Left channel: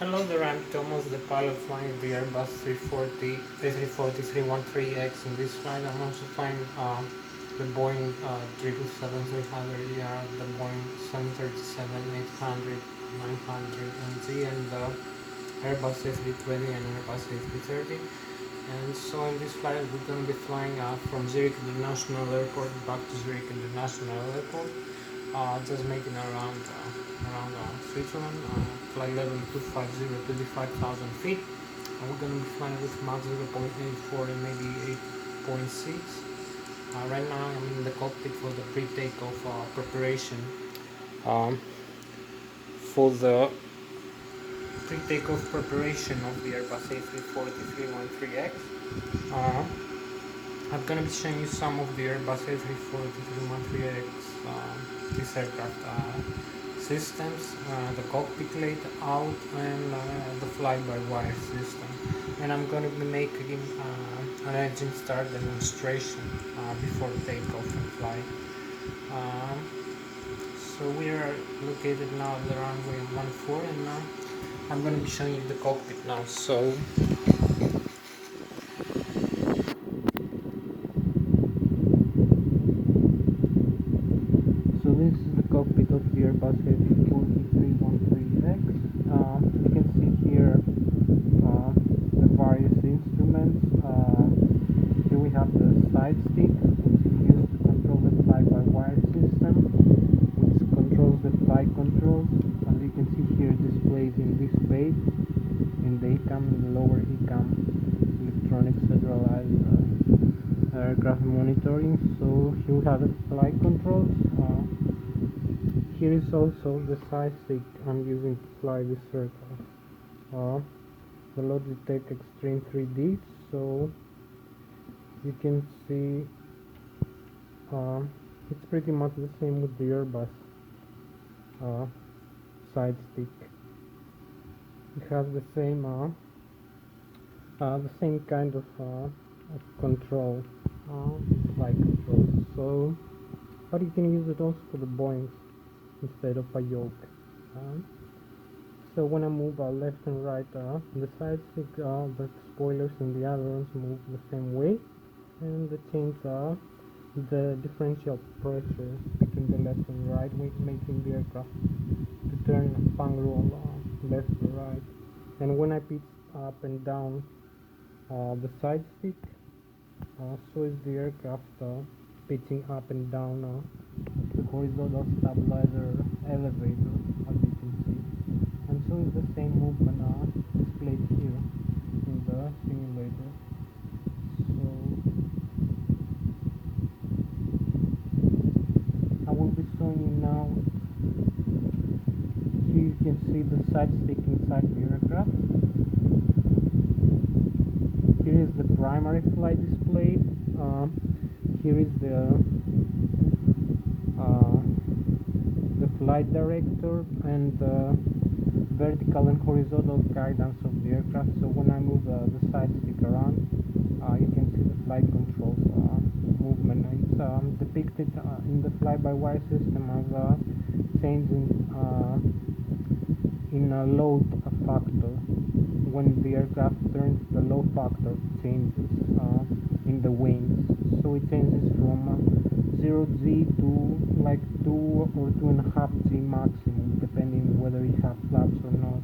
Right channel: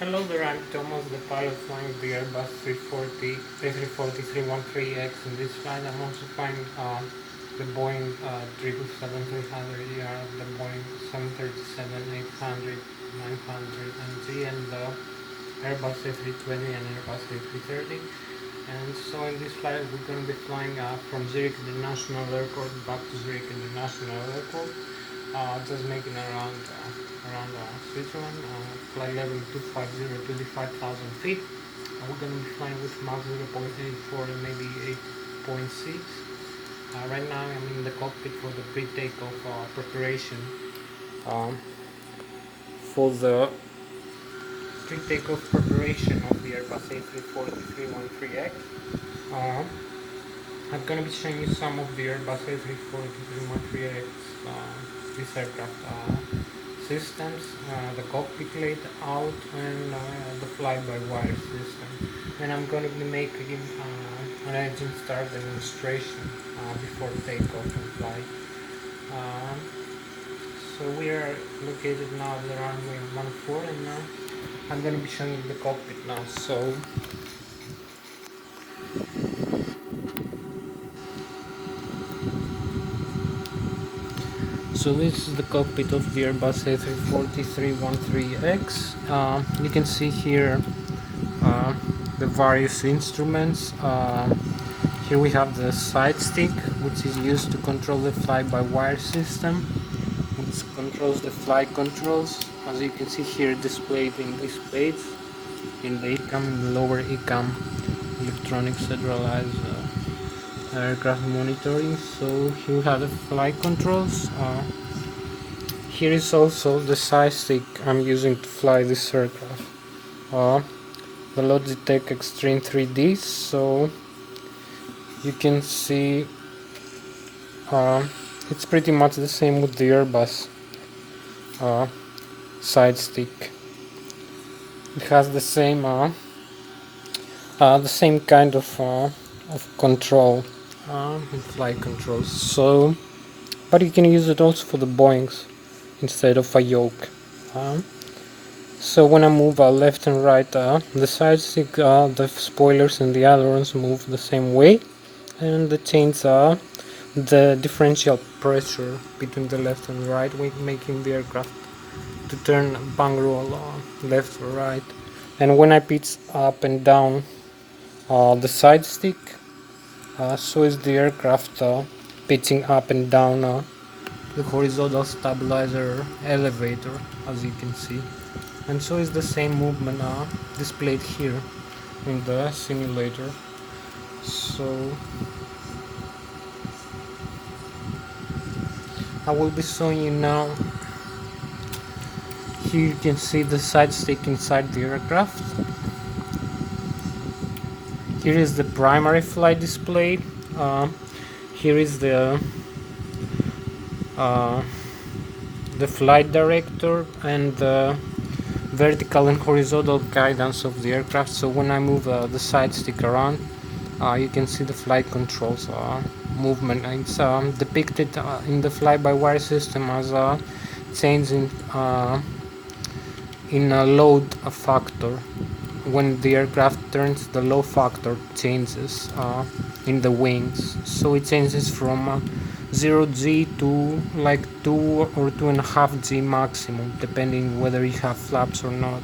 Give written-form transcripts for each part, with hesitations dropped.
Hello there, I'm Thomas, the pilot flying the Airbus 340, A340-313X. In this flight, I'm also flying the Boeing 777-300ER, the Boeing 737-800, 900 NG, and the Airbus A320 and Airbus A330. And so in this flight, we're going to be flying from Zurich International Airport back to Zurich International Airport, just making around Switzerland, flight level 250, 25,000 feet. And we're going to be flying with Mach 0.84 and maybe 8.6. Right now I'm in the cockpit for the pre-takeoff preparation um, for the pre-takeoff preparation of the Airbus A340-313X. Uh, I'm going to be showing you some of the Airbus A340-313X, this aircraft systems, the cockpit layout, and the fly-by-wire system. And I'm going to be making an engine start demonstration before takeoff and flight. Um, so we are located now at the runway 14, and I'm going to be showing you the cockpit now. So this is the cockpit of the Airbus A340-313X. You can see here the various instruments. Here we have the side stick, which is used to control the fly-by-wire system, which controls the flight controls. As you can see here, displayed in these plates, in the ECAM, in the lower ECAM, electronic centralized aircraft monitoring. So here we have the flight controls. Here is also the side stick I'm using to fly this aircraft. The Logitech Extreme 3D. So you can see it's pretty much the same with the Airbus side stick. It has the same kind of control, flight controls. So, but you can use it also for the Boeings instead of a yoke. So when I move left and right, the side stick, the spoilers and the ailerons move the same way, and the chains the differential pressure between the left and right, making the aircraft to turn bang roll left or right. And when I pitch up and down the side stick, so is the aircraft pitching up and down the horizontal stabilizer elevator, as you can see. And so is the same movement displayed here in the simulator. So I will be showing you now. Here you can see the side stick inside the aircraft. Here is the primary flight display. Here is the flight director and the vertical and horizontal guidance of the aircraft. So when I move the side stick around, you can see the flight controls movement. It's depicted in the fly-by-wire system as a change in a load factor. When the aircraft turns, the load factor changes in the wings. So it changes from 0G to like 2 or 2.5G maximum, depending whether you have flaps or not.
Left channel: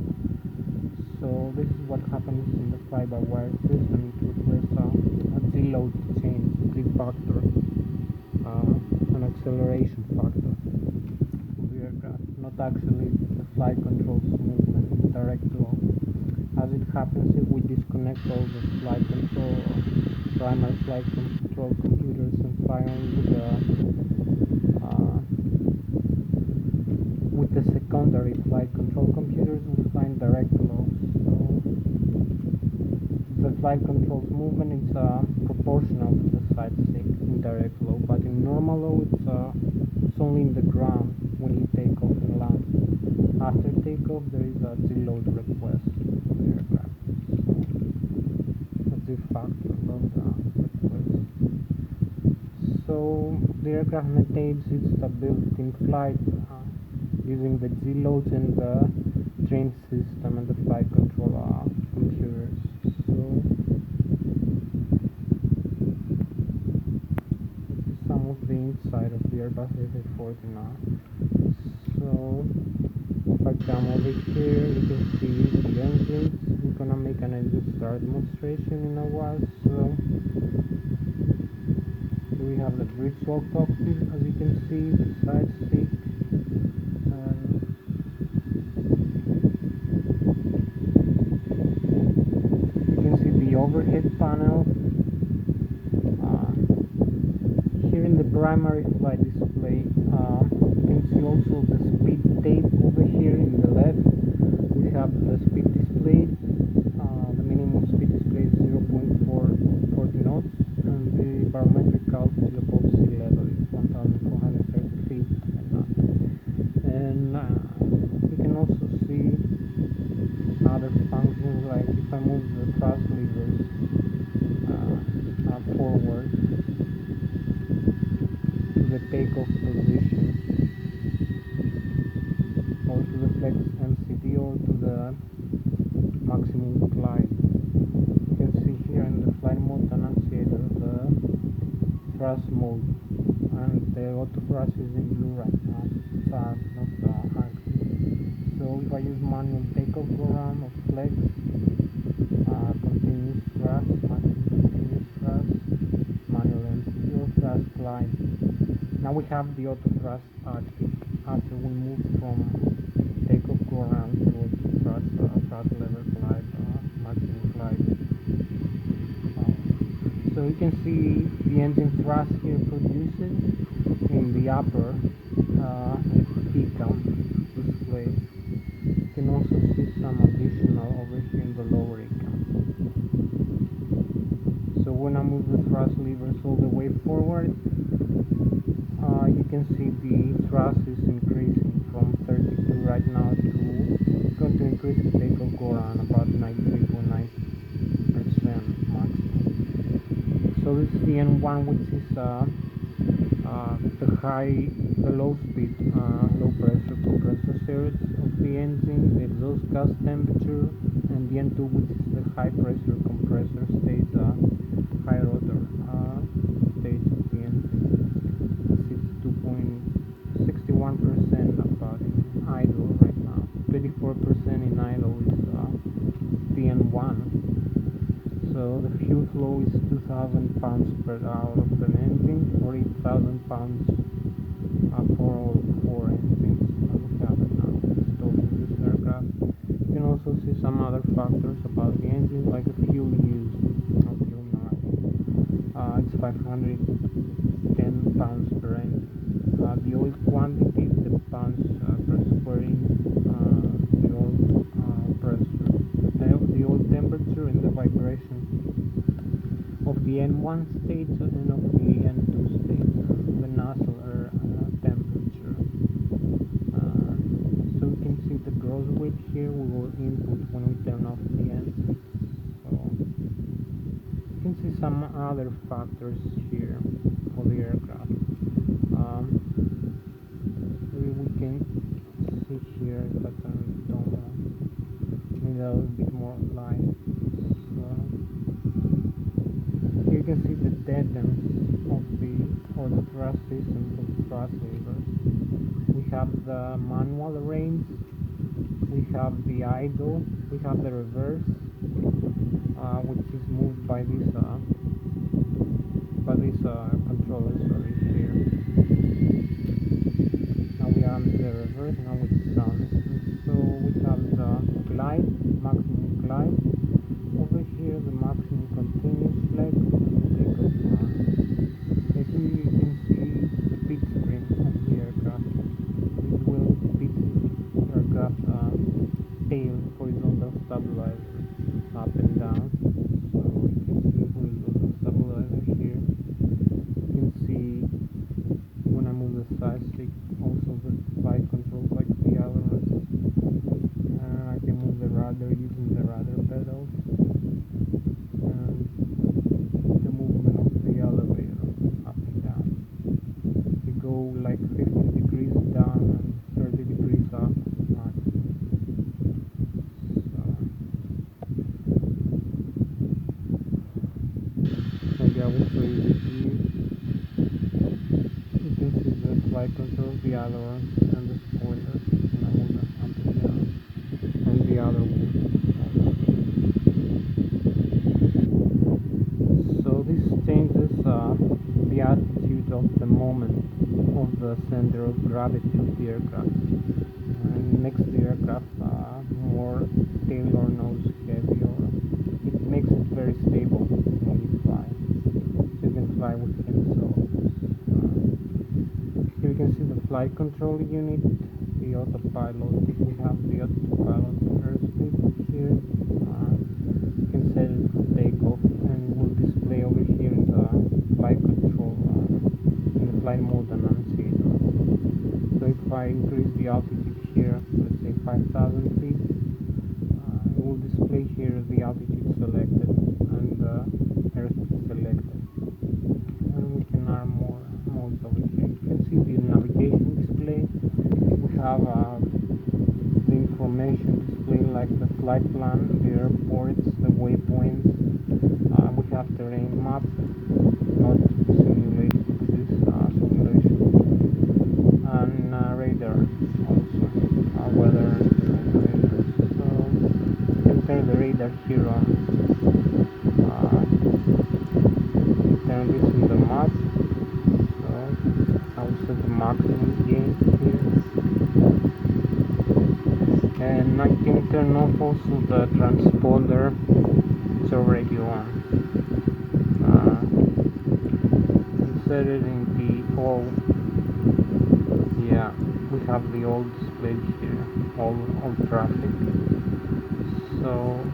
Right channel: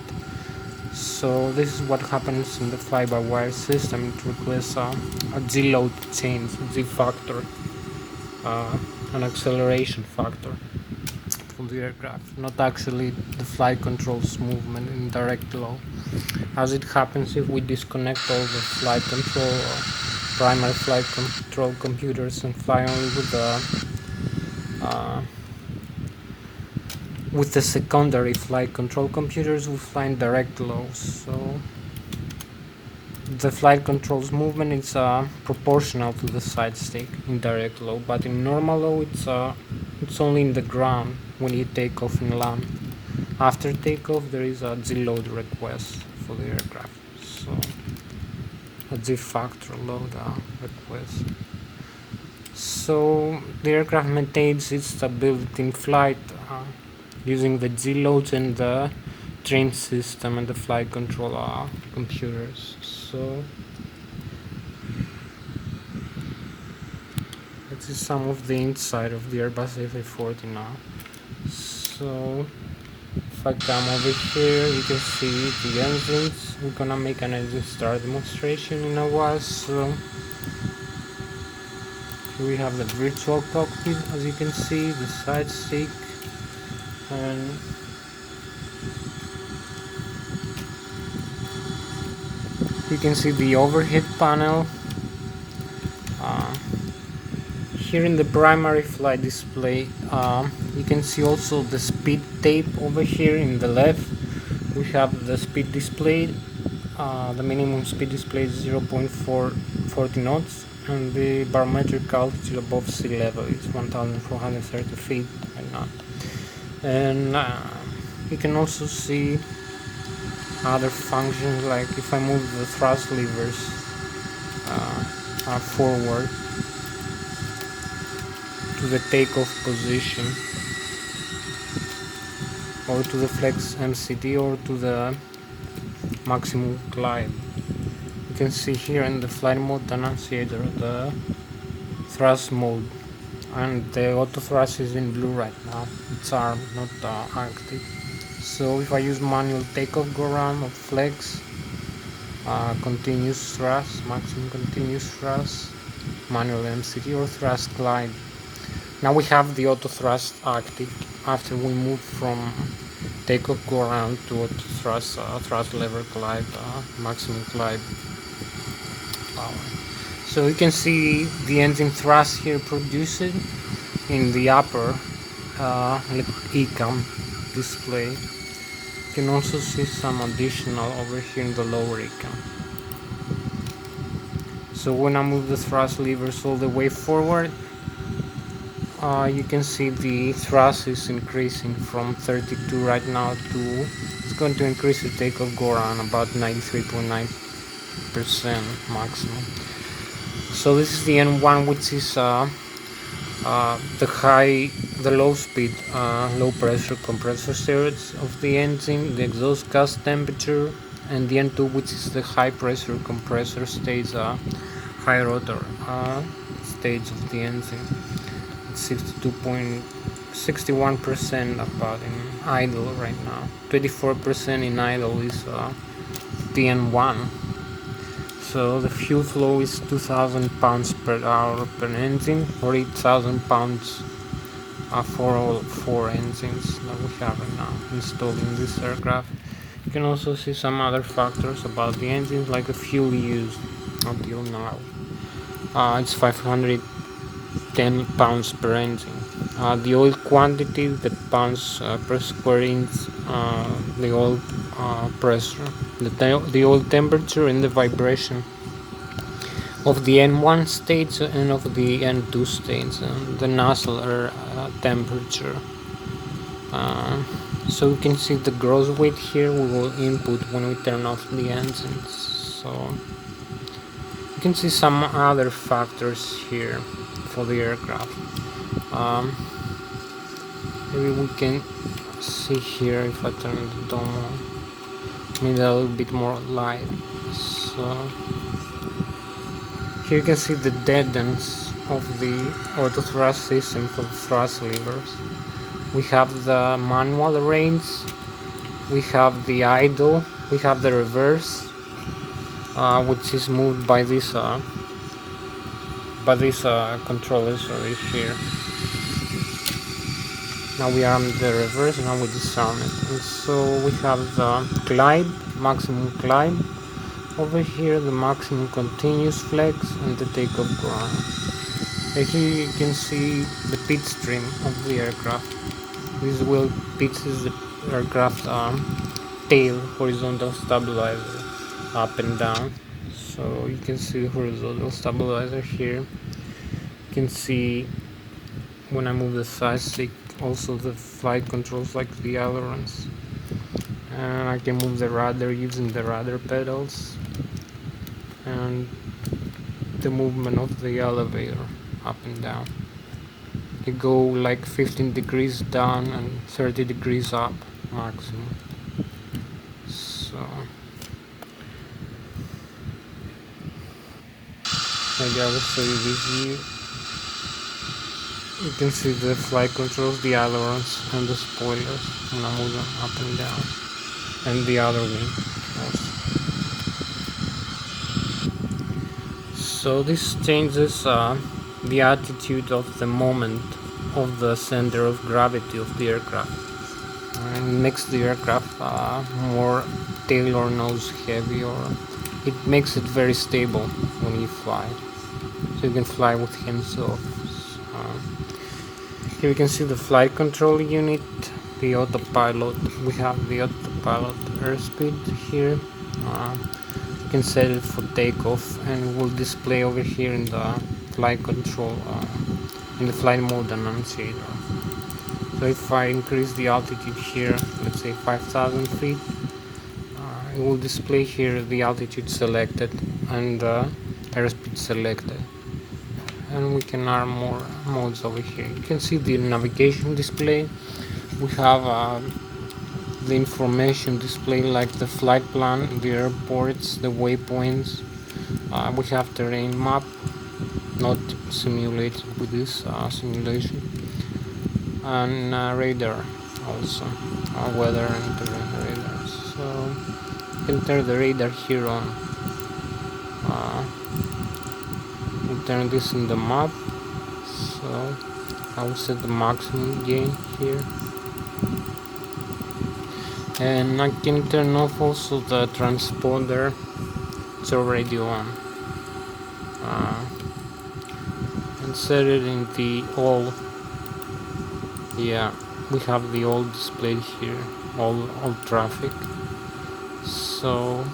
So this is what happens in the fly-by-wire system. It requires a G load change, G factor, an acceleration factor for the aircraft, not actually the flight controls movement in direct flow, as it happens if we disconnect all the flight control primary flight control computers and fly only with the secondary flight control computers. We fly in direct flow. So the flight controls movement is proportional to the side stick in direct flow, but in normal low it's only in the ground when you take off and land. After takeoff there is a G load request for the aircraft, so a G factor load request. So the aircraft maintains its stability in flight using the G loads and the trim system and the flight control computers. So this is some of the inside of the Airbus A340 now. So if I come over here, you can see the engines. We're gonna make an engine start demonstration in a while. So here we have the virtual cockpit, as you can see, the side stick, and you can see the overhead panel. Here in the primary flight display, you can see also the speed tape over here in the left. We have the speed displayed. The minimum speed display is 0.440 knots, and the barometric altitude above sea level is 1,430 feet right now. And you can also see other functions, like if I move the thrust levers forward to the takeoff position, or to the flex MCD, or to the maximum climb. You can see here in the flight mode annunciator the thrust mode, and the auto thrust is in blue right now. It's armed, not active. So if I use manual takeoff, go around, or flex, continuous thrust, maximum continuous thrust, manual MCD, or thrust glide. Now we have the auto thrust active after we move from takeoff, go around, to auto thrust, thrust lever glide, maximum glide power. So you can see the engine thrust here produced in the upper ECAM display. You can also see some additional over here in the lower ECAM. So when I move the thrust levers all the way forward, you can see the thrust is increasing from 32 right now to, it's going to increase the takeoff, go around about 93.9% maximum. So this is the N1, which is the low speed, low pressure compressor stage of the engine, the exhaust gas temperature, and the N2, which is the high pressure compressor stage, high rotor stage of the engine. 61% about in idle right now. 24% in idle is the N1. So the fuel flow is 2,000 pounds per hour per engine, or 8,000 pounds for all 4 engines that we have right now installed in this aircraft. You can also see some other factors about the engine, like the fuel used until now. It's 510 pounds per engine. The oil quantity, the pounds per square inch, the oil pressure, the oil temperature, and the vibration of the N1 stage and of the N2 stage, the nozzle air temperature. So you can see the gross weight here we will input when we turn off the engines. So you can see some other factors here for the aircraft. Maybe we can see here if I turn the dome on, maybe a little bit more light. So here you can see the deadens of the auto thrust system for the thrust levers. We have the manual range, we have the idle, we have the reverse, which is moved by this controllers over here. Now we are on the reverse, now we disarm it. And so we have the glide, maximum glide. Over here the maximum continuous flex and the takeoff ground. And here you can see the pitch trim of the aircraft. This wheel pitches the aircraft tail horizontal stabilizer up and down. So you can see the horizontal stabilizer here. You can see when I move the side stick also the flight controls, like the ailerons, and I can move the rudder using the rudder pedals, and the movement of the elevator up and down. You go like 15 degrees down and 30 degrees up maximum. I will show you this view. You can see the flight controls, the ailerons, and the spoilers, and I move them up and down, and the other wing also. So this changes the attitude of the moment of the center of gravity of the aircraft, and makes the aircraft more tail or nose heavy, or it makes it very stable when you fly, so you can fly with hands off. Here you can see the flight control unit, the autopilot. We have the autopilot airspeed here. You can set it for takeoff, and it will display over here in the flight control, in the flight mode annunciator. So if I increase the altitude here, let's say 5,000 feet, it will display here the altitude selected and airspeed selected. And we can add more modes over here. You can see the navigation display. We have the information display like the flight plan, the airports, the waypoints. We have terrain map, not simulated with this simulation, and radar also, weather and terrain radar. So you can turn the radar here on. Turn this in the map, so I will set the maximum gain here, and I can turn off also the transponder. It's already on, and set it in the all. Yeah, we have the all displayed here, all traffic. So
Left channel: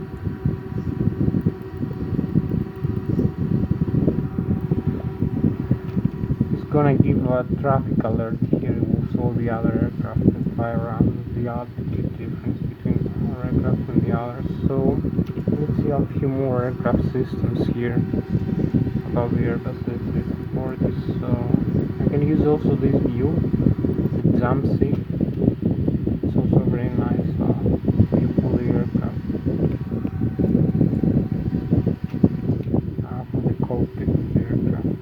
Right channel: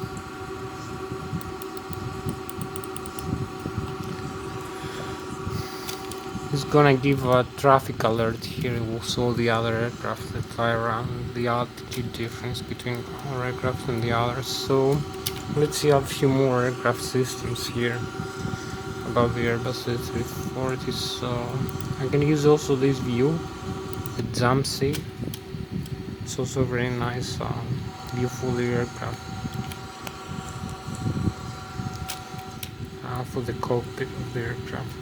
it's gonna give a traffic alert here. It will show the other aircraft that fly around, the altitude difference between our aircraft and the others. So let's see a few more aircraft systems here about the Airbus A340. So I can use also this view, the Jamsi. It's also very nice view for the aircraft, for the cockpit of the aircraft.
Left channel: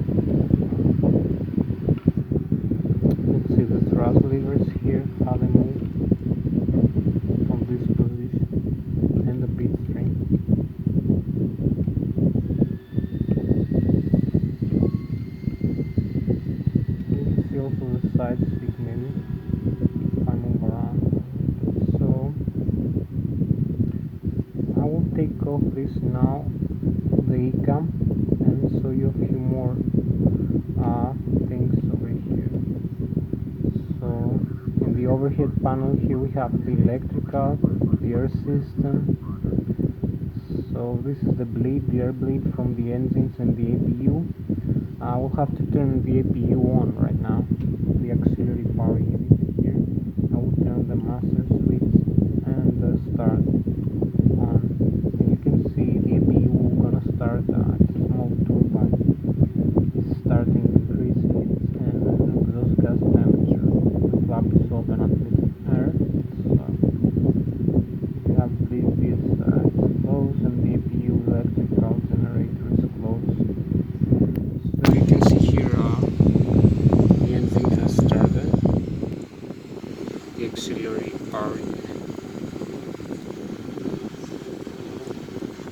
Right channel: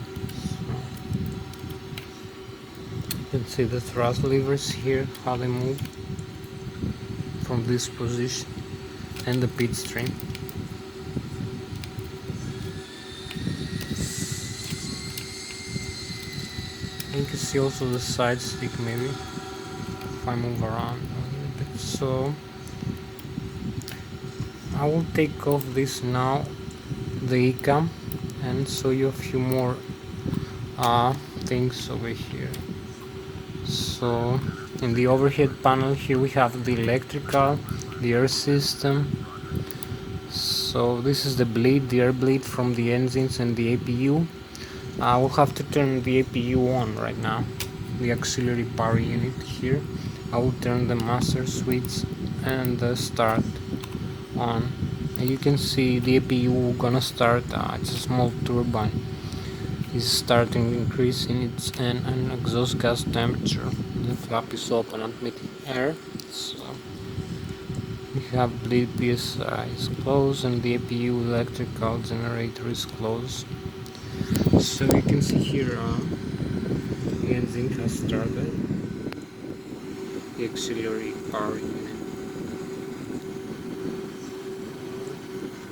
See the thrust levers here, how they move from this position, and the pitch stream. You can see also the side stick maybe if I move around a little bit. So I will take off this now, the ECAM, and show you a few more things over here. So in the overhead panel here we have the electrical, the air system. So this is the bleed, the air bleed from the engines and the APU. I will have to turn the APU on right now, the auxiliary power unit here. I will turn the master switch and the start on. And you can see the APU gonna start, it's a small turbine. Is starting increasing its and exhaust gas temperature. The flap is open at mid-air, so we have this is closed, and the APU electrical generator is closed. So you can see here the engine has started, the auxiliary power unit.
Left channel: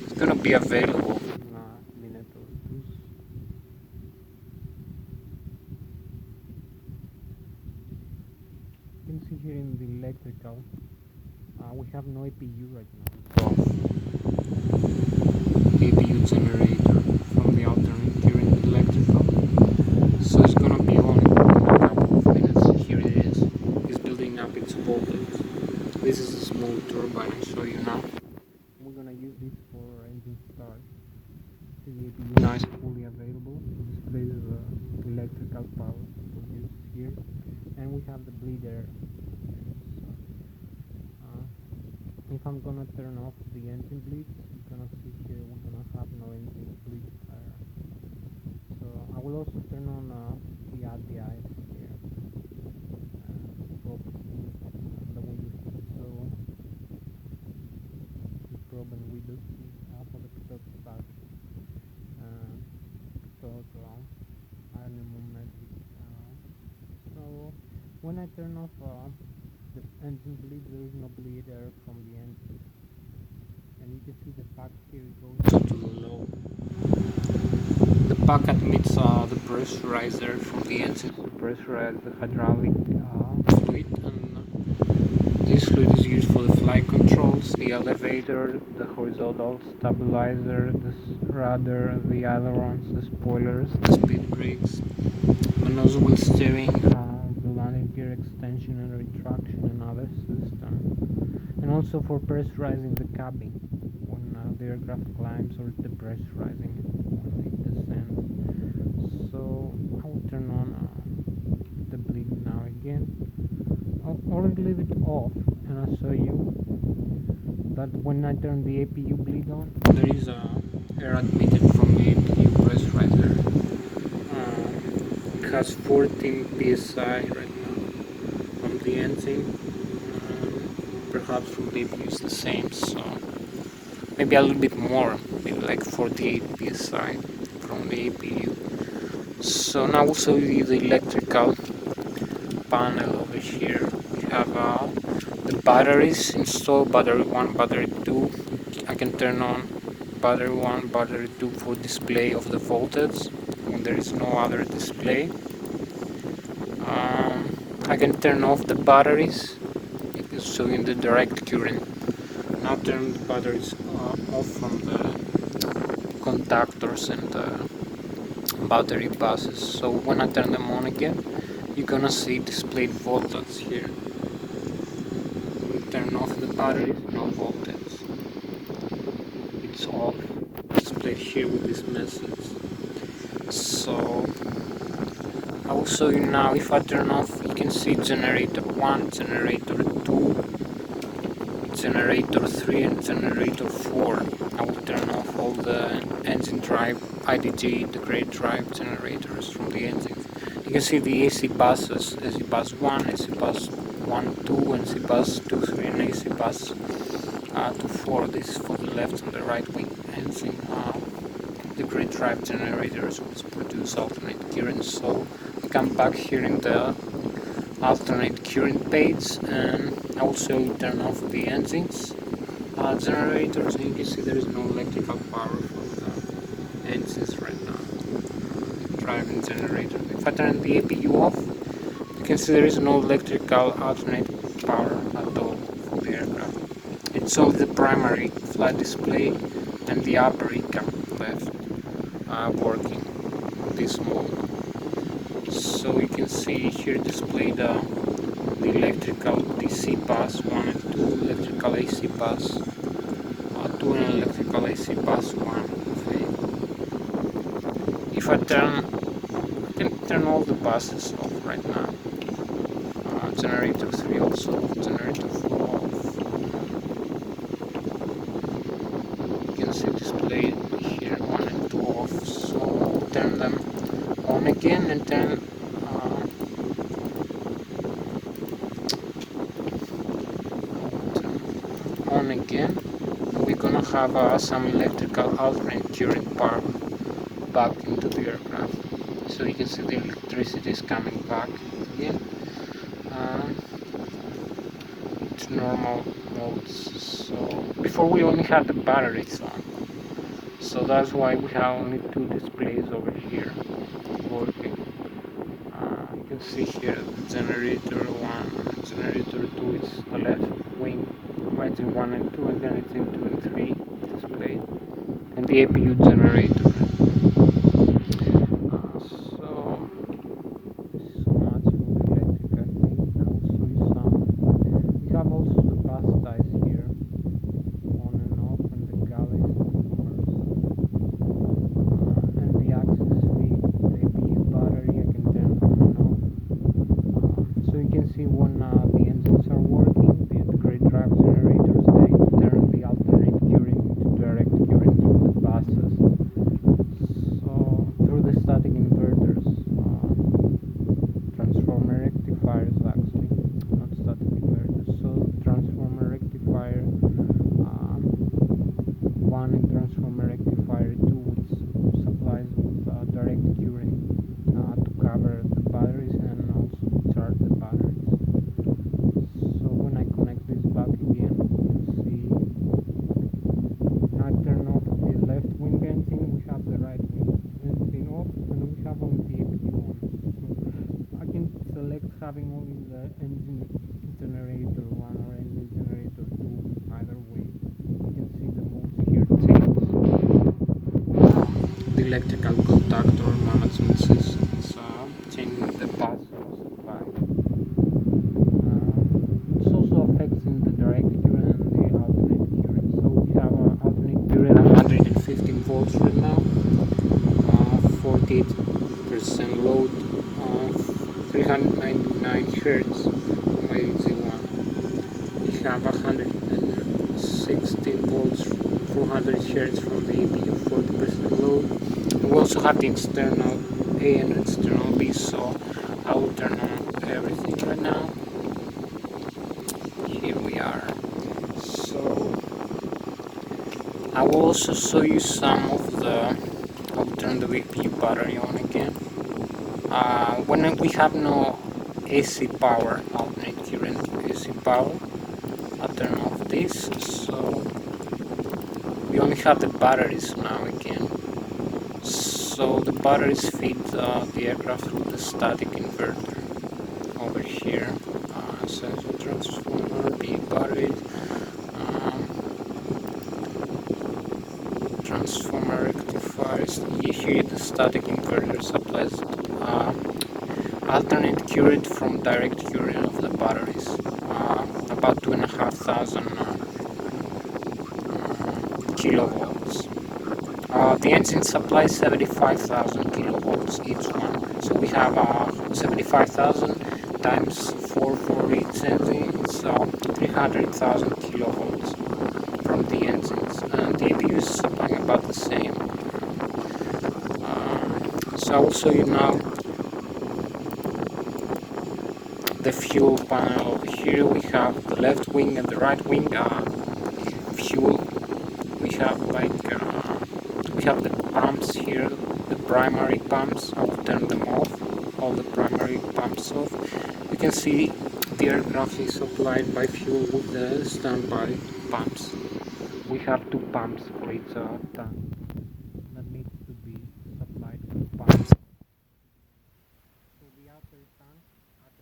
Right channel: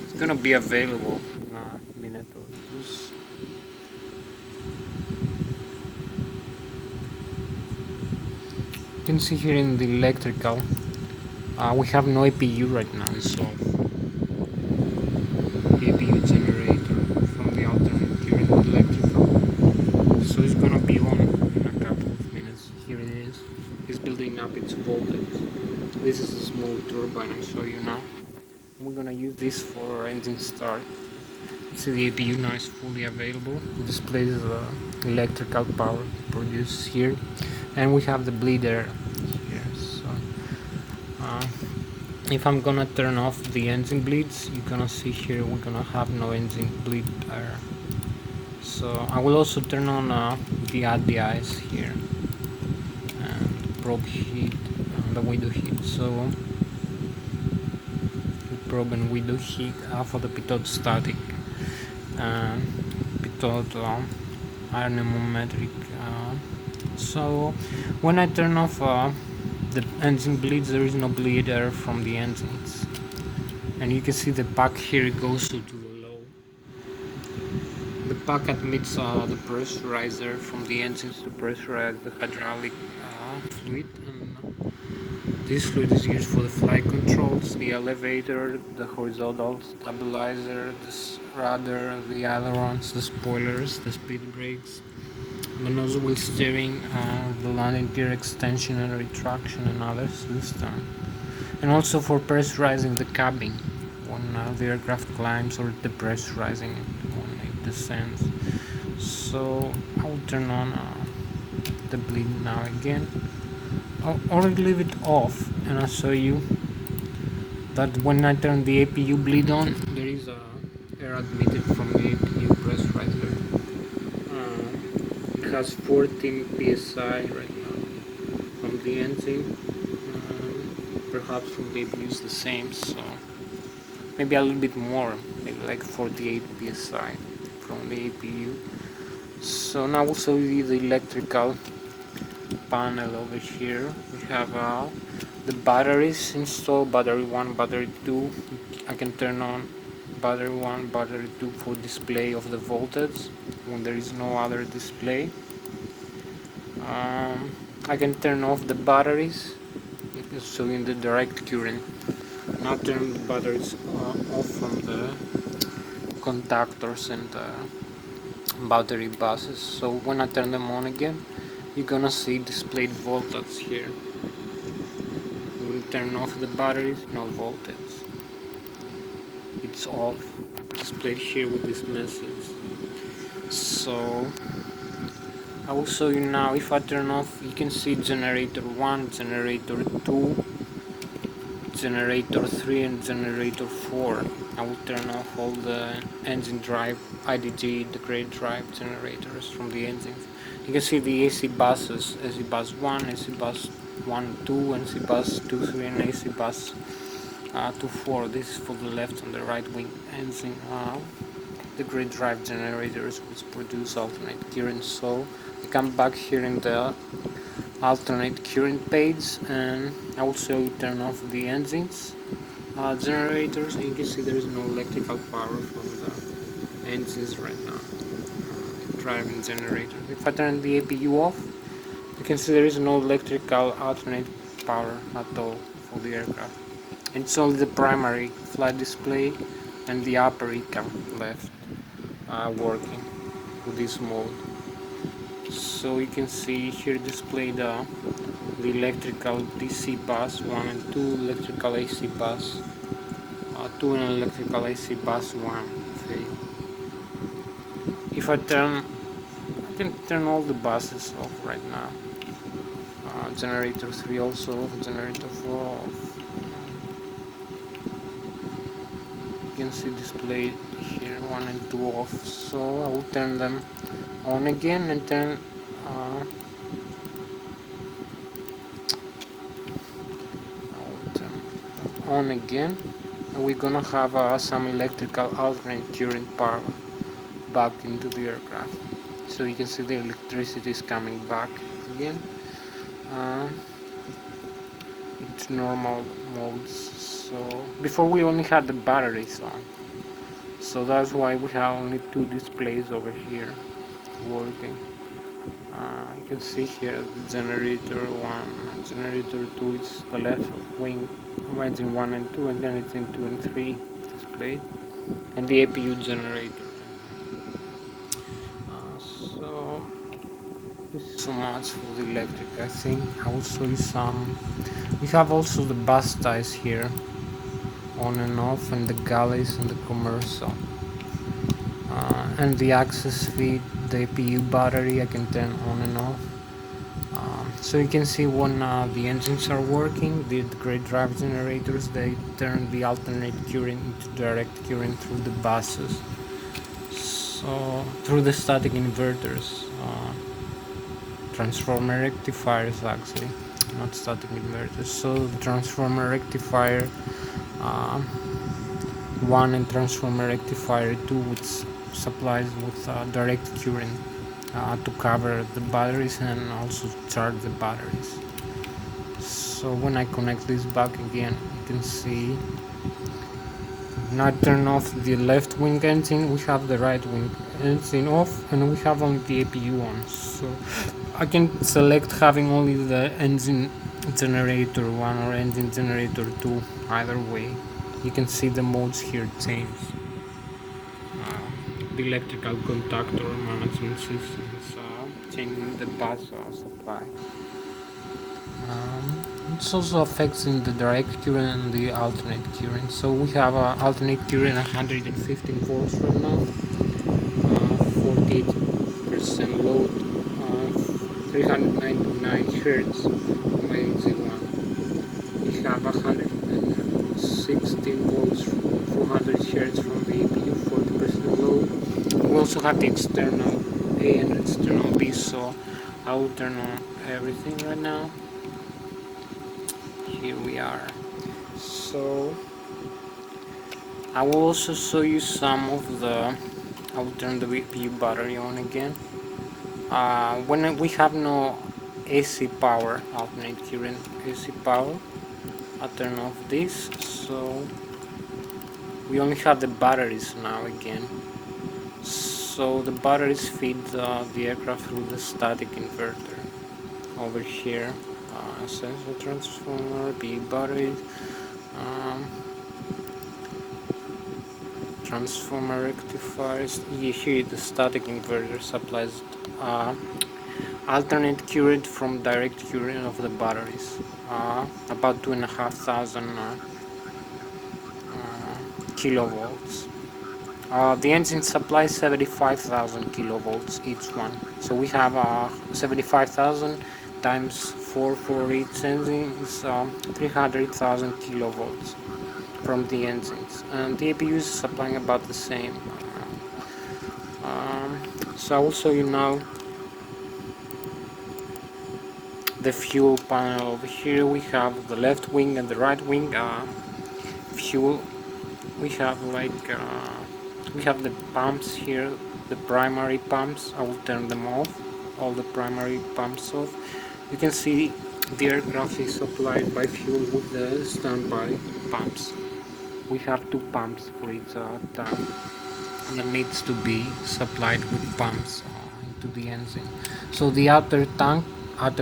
It's gonna be available in a minute or two. You can see here in the electrical, we have no APU right now, it's off. The APU generator from the alternate here in the electrical, so it's gonna be on in a couple of minutes. Here it is. It's building up its voltage. This is a small turbine I show you now. We're gonna use this for engine start. See, the APU now is fully available. It displays the electrical power produced here, and we have the bleed air here. So if I'm gonna turn off the engine bleeds, you're gonna see here we're gonna have no engine bleed air. So I will also turn on the ADIs here, and probe heat and the window heat. So the probe and window heat for the pitot static, installed anemometric. So when I turn off the engine bleeds, there is no bleed air from the engines, and you can see the pack here goes to the low. The pack admits the pressurizer from the engines to pressurize the hydraulic fluid, and this fluid is used for the flight controls, the elevator, the horizontal stabilizer, the rudder, the ailerons, the spoilers, the speed brakes, the nose wheel steering, the landing gear extension and retraction, and other systems, and also for pressurizing the cabin when the aircraft climbs, or depressurizing it when it descends. So I will turn on the bleed now again, or leave it off, and I'll show you that when I turn the APU bleed on, there is air admitted from the APU pressurizer. It has 14 psi right now from the engine. Perhaps from the APU is the same, so maybe a little bit more, maybe like 48 psi from the APU. So now we'll show you the electrical panel over here. We have the batteries installed, battery 1, battery 2. I can turn on battery 1, battery 2 for display of the voltage when there is no other display. I can turn off the batteries, showing the direct current. Now turn the batteries off from the contactors and the battery buses. So when I turn them on again, you're gonna see displayed voltage here. When you turn off the batteries, no voltage. It's off, displayed here with this message. So I will show you now. If I turn off, you can see generator 1, generator 2, generator 3 and generator 4. I will turn off all the engine drive, IDG, the grade drive generators from the engines. You can see the AC buses, AC bus 1, AC bus 1, 2, AC bus 2, 3 and AC bus 2, 4. This is for the left and the right wing engine. The grade drive generators which produce alternate current. So I come back here in the alternate current page, and I will show you turn off the engines generators, and you can see there is no electrical power from the engines right now, driving generator. If I turn the APU off, you can see there is no electrical alternate power at all for the aircraft. It's only the primary flight display and the upper ECAM left working this mode. So you can see here displayed the electrical DC bus 1 and 2, electrical AC bus 2 and electrical AC bus 1. Okay. If I can turn all the buses off right now. Generator 3 also off, generator 4 off. You can see displayed here 1 and 2 off. So I will turn them on again and turn on again, and we're gonna have some electrical alternate current power back into the aircraft. So you can see the electricity is coming back again. It's normal modes. So before we only had the batteries on, so that's why we have only 2 displays over here working. You can see here the generator 1 and generator 2 is the left wing, engine 1 and 2, and then it's in 2 and 3 displayed, and the APU generator. So this is so much for the electric. I think I will show you some. We have also the bus ties here, on and off, and the galleys and the commercial. And the access feed, the APU battery, I can turn on and off. So you can see when the engines are working, the grade drive generators, they turn the alternate current into direct current through the buses. So through the static inverters, transformer rectifiers actually, not static inverters. So the transformer rectifier 1 and transformer rectifier 2, which supplies with direct current to cover the batteries and also to charge the batteries. So when I connect this back again, you can see now I turn off the left wing engine, we have the right wing engine off, and we have only the APU on. So I can select having only the engine generator 1 or engine generator 2, either way. You can see the modes here change. The electrical contactor management systems changing the path supply. It also affects in the direct current and the alternate current. So we have alternate current 115 volts right now, 48% load, 399 Hz by Z1. We have 116 volts, 400 Hz from the APU, 40% load. We also have the external A and external B, so I will turn on everything right now. Here we are. So I will also show you some of the, I will turn the APU battery on again. When we have no AC power, alternate current AC power, I'll turn off this, so we only have the batteries now again. So the batteries feed the aircraft with the static inverter over here. Sensor transformer, the batteries, transformer rectifiers. Here the static inverter supplies alternate current from direct current of the batteries, about 2,500 kilovolts. The engine supplies 75,000 kilovolts each one. So we have 75,000 times 4 for each engine. It's 300,000 kilovolts from the engines. And the APU is supplying about the same. So I will show you now the fuel panel. Over here we have the left wing and the right wing fuel. We have we have the pumps here, the primary pumps. I will turn them off, all the primary pumps off. You can see the aircraft is supplied by fuel with the standby pumps. We have 2 pumps for each tank, and it needs to be supplied with pumps into the engine. So the outer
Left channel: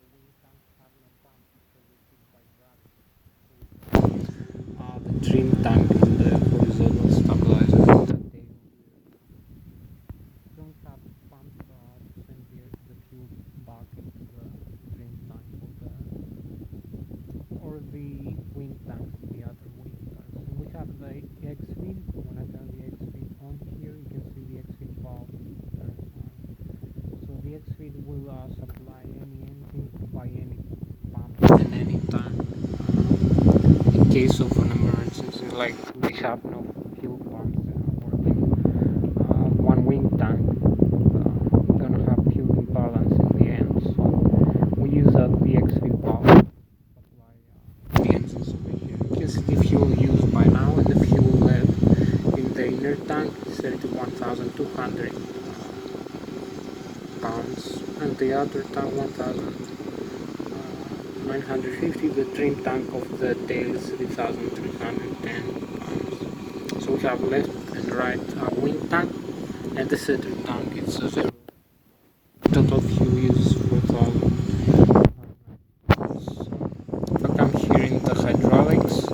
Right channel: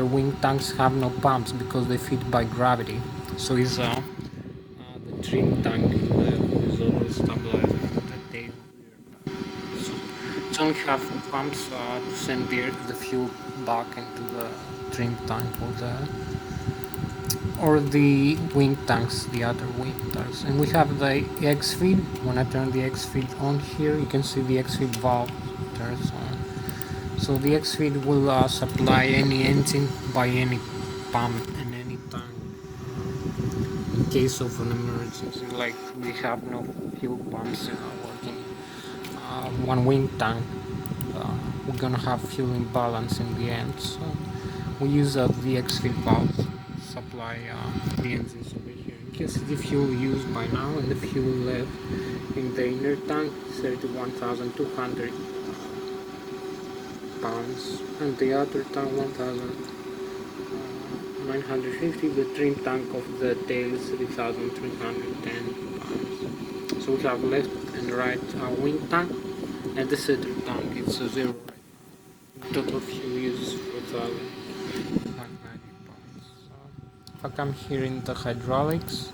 wing tanks have no pumps because they feed by gravity. So it's the trim tank is the horizontal stabilizer that they only have pumps to send the fuel back into the trim tank or the wing tanks, the other wing tanks. And we have the X-feed. When I turn the X-feed on here, you can see the X-feed valve turns on. So the X-feed will supply any engine by any pump in any tank. In case of an emergency, like we have no fuel pumps working, one wing tank gonna have fuel imbalance in the end. So we use the X-feed valve to supply the engines over here. You can see the fuel used by now, and the fuel left in the inner tank is 31,200 pounds, and the outer tank 1,950. The trim tank of the tail is 3,310 pounds. So we have left and right wing tank, and the center tank is 0. Total fuel use 4,590 pounds. If I come here in the hydraulics,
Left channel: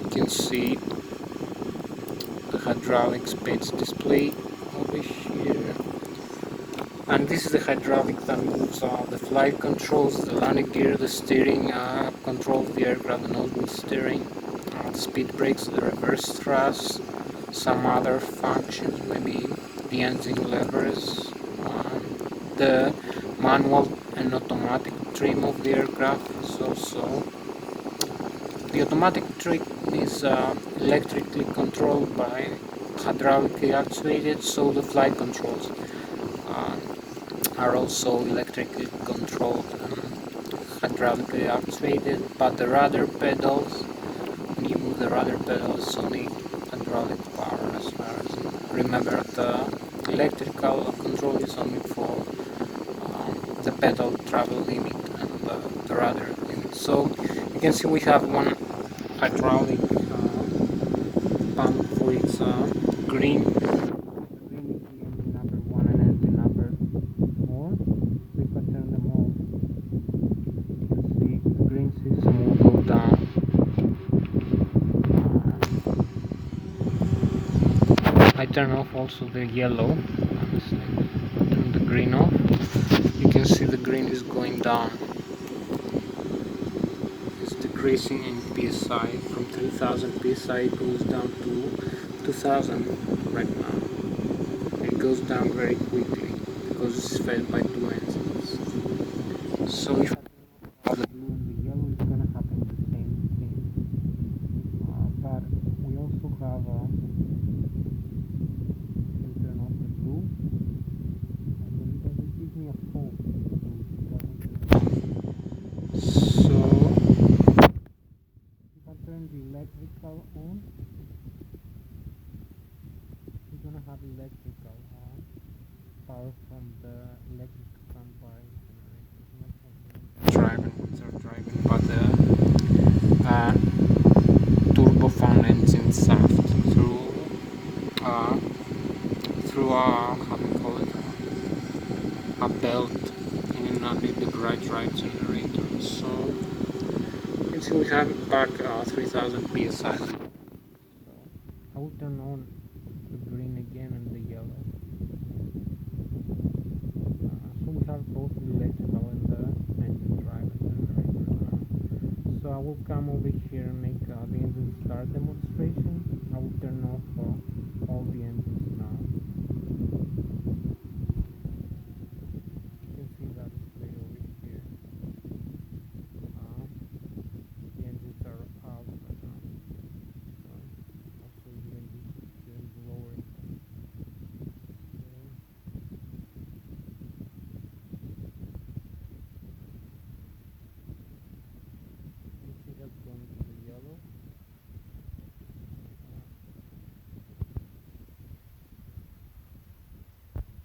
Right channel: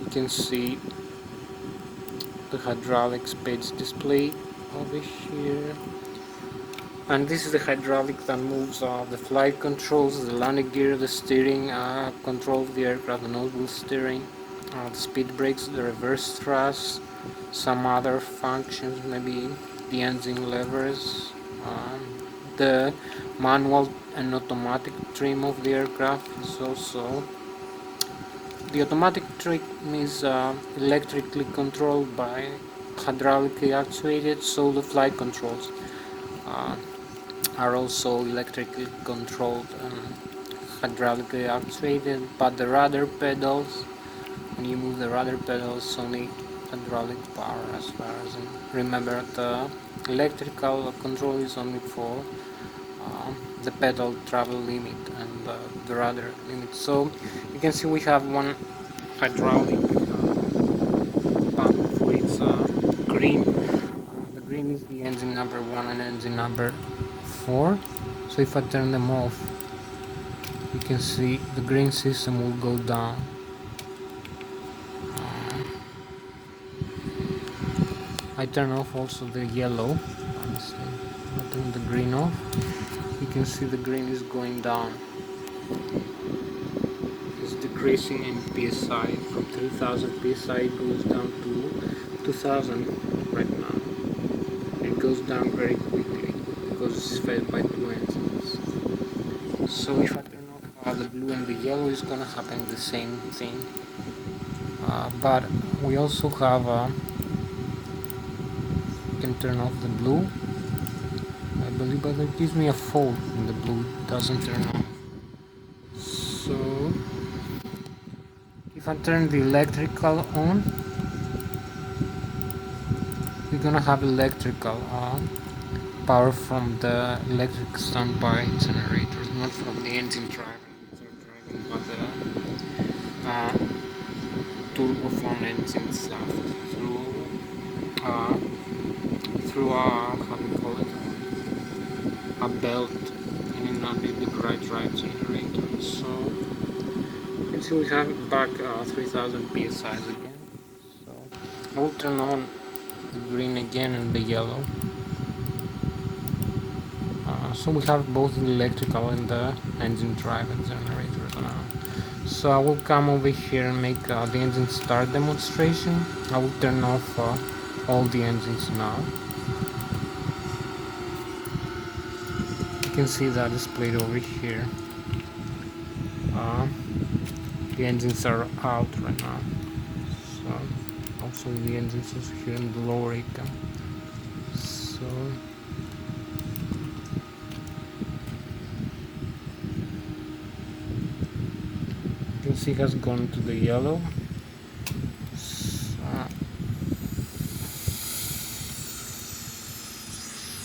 you can see the hydraulics page display over here. And this is the hydraulic that moves the flight controls, the landing gear, the steering, controls the aircraft, the nose wheel steering, the speed brakes, the reverse thrust, some other functions, maybe the engine levers, the manual and automatic trim of the aircraft is also. The automatic trim is electrically controlled by hydraulically actuated, so the flight controls are also electrically controlled and hydraulically actuated, but the rudder pedals, when you move the rudder pedals, only hydraulic power as far as I remember. The electrical control is only for the pedal travel limit and the rudder limit. So you can see we have one hydraulic pump with green. The green is the engine number 1 and engine number 4. So if I turn them off, you can see the green system will go down. I turn off also the yellow. Turn the green off. You can see the green is going down. It's decreasing in psi. From 3000 psi it goes down to 2000 right now. It goes down very quickly because it's fed by two engines. So if I turn off the blue and the yellow, it's gonna happen the same thing. But we also have you can turn off the blue, I believe, but it gives me a fault in the blue. It doesn't turn on. So if I turn the electrical on, we're gonna have electrical power from the electric standby generators, not from the engine driving, but the turbofan engine shaft through how do you call it, a belt in a big right generator. So you can see we have it back 3000 psi again. So I will turn on the green again and the yellow. So we have both the electrical and the engine driven generators now. So I will come over here and make the engine start demonstration. I will turn off all the engines now. You can see that displayed over here. The engines are out right now. So also the engines are here in the lower icon. So you can see it has gone to the yellow.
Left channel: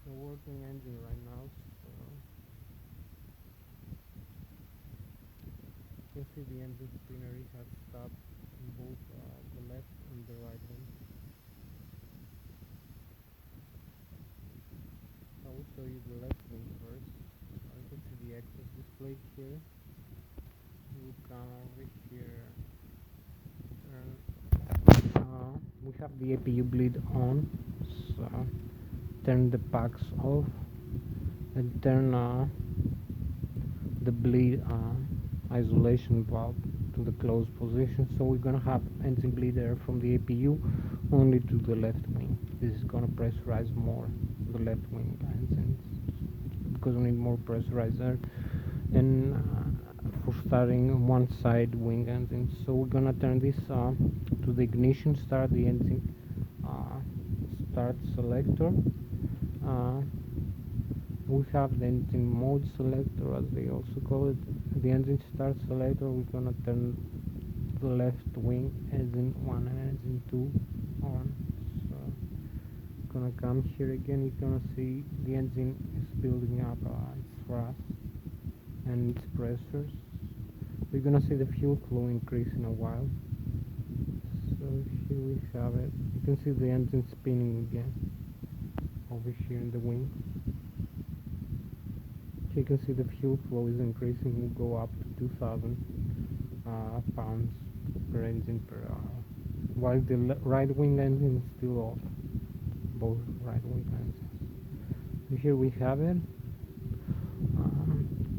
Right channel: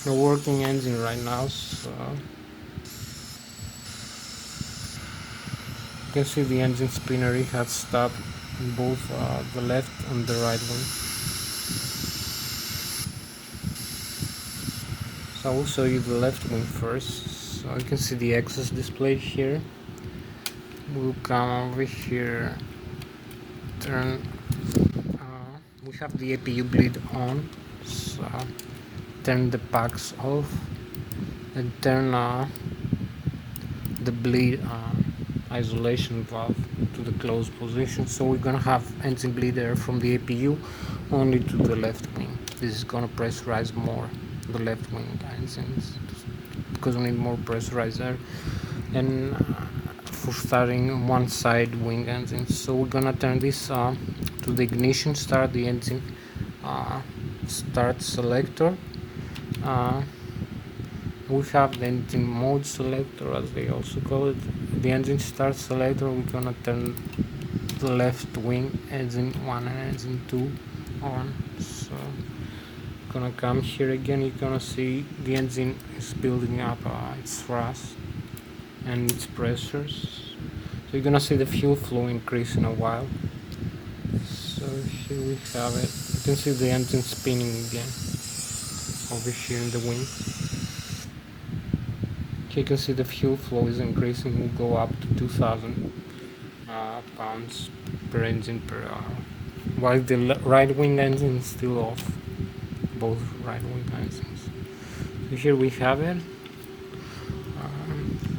The working engine right now, so you can see the engine spinner. It has stopped in both the left and the right one. So I will show you the left wing first. So you can see the exhaust displayed here. We'll come over here, turn, we have the APU bleed on, so turn the packs off and turn the bleed isolation valve to the closed position. So we're gonna have engine bleed air from the APU only to the left wing. This is gonna pressurize more the left wing engines because we need more pressurized air and for starting one side wing engines. So we're gonna turn this to the ignition, start the engine start selector. We have the engine mode selector, as they also call it. The engine start selector, we're gonna turn the left wing engine 1 and engine 2 on. So gonna come here again, you're gonna see the engine is building up its thrust and its pressures. So you're gonna see the fuel flow increase in a while. So here we have it. You can see the engine spinning again over here in the wing. Okay, you can see the fuel flow is increasing. Will go up to 2000 pounds per engine per hour, while the right wing engine is still off. Both right wing engines. So here we have it.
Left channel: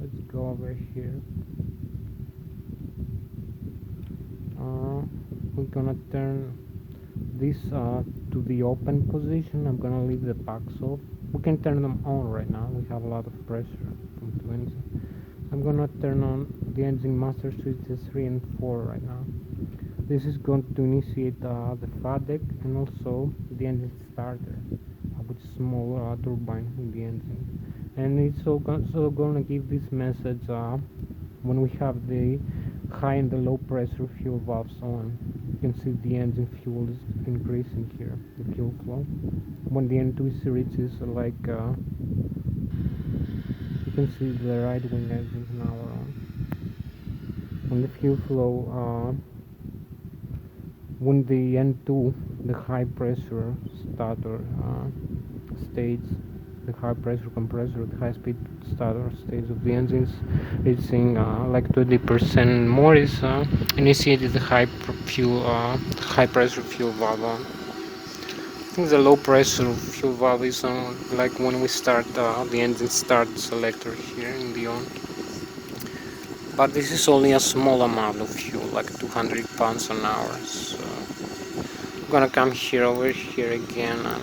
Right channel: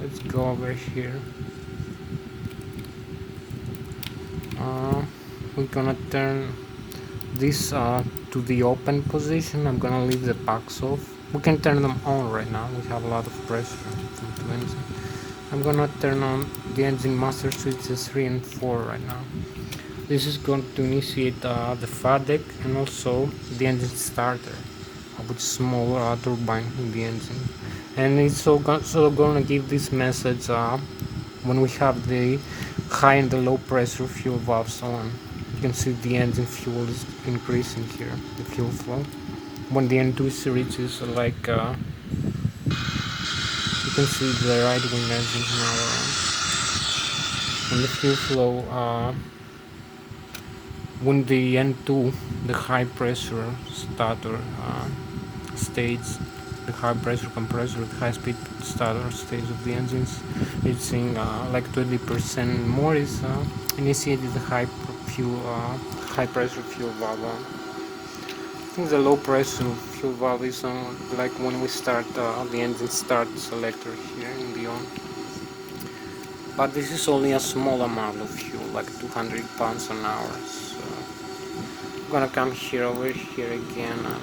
Let's go over here. We're gonna turn this to the open position. I'm gonna leave the packs off. We can turn them on right now. We have a lot of pressure from the engine. I'm gonna turn on the engine master switches 3 and 4 right now. This is going to initiate the FADEC and also the engine starter with small turbine in the engine. And it's also gonna give this message when we have the high and the low pressure fuel valves on. can see the engine fuel is increasing here, the fuel flow. When the N2 reaches like you can see the right wing engines now when the fuel flow when the N2, the high pressure starter stage, the high pressure compressor, the high speed starter stage of the engines reaching like 20% more is initiated the high pressure fuel valve. I think the low pressure fuel valve is like when we start the engine start selector here in the on. But this is only a small amount of fuel, like 200 pounds an hour. So I'm gonna come here over here again and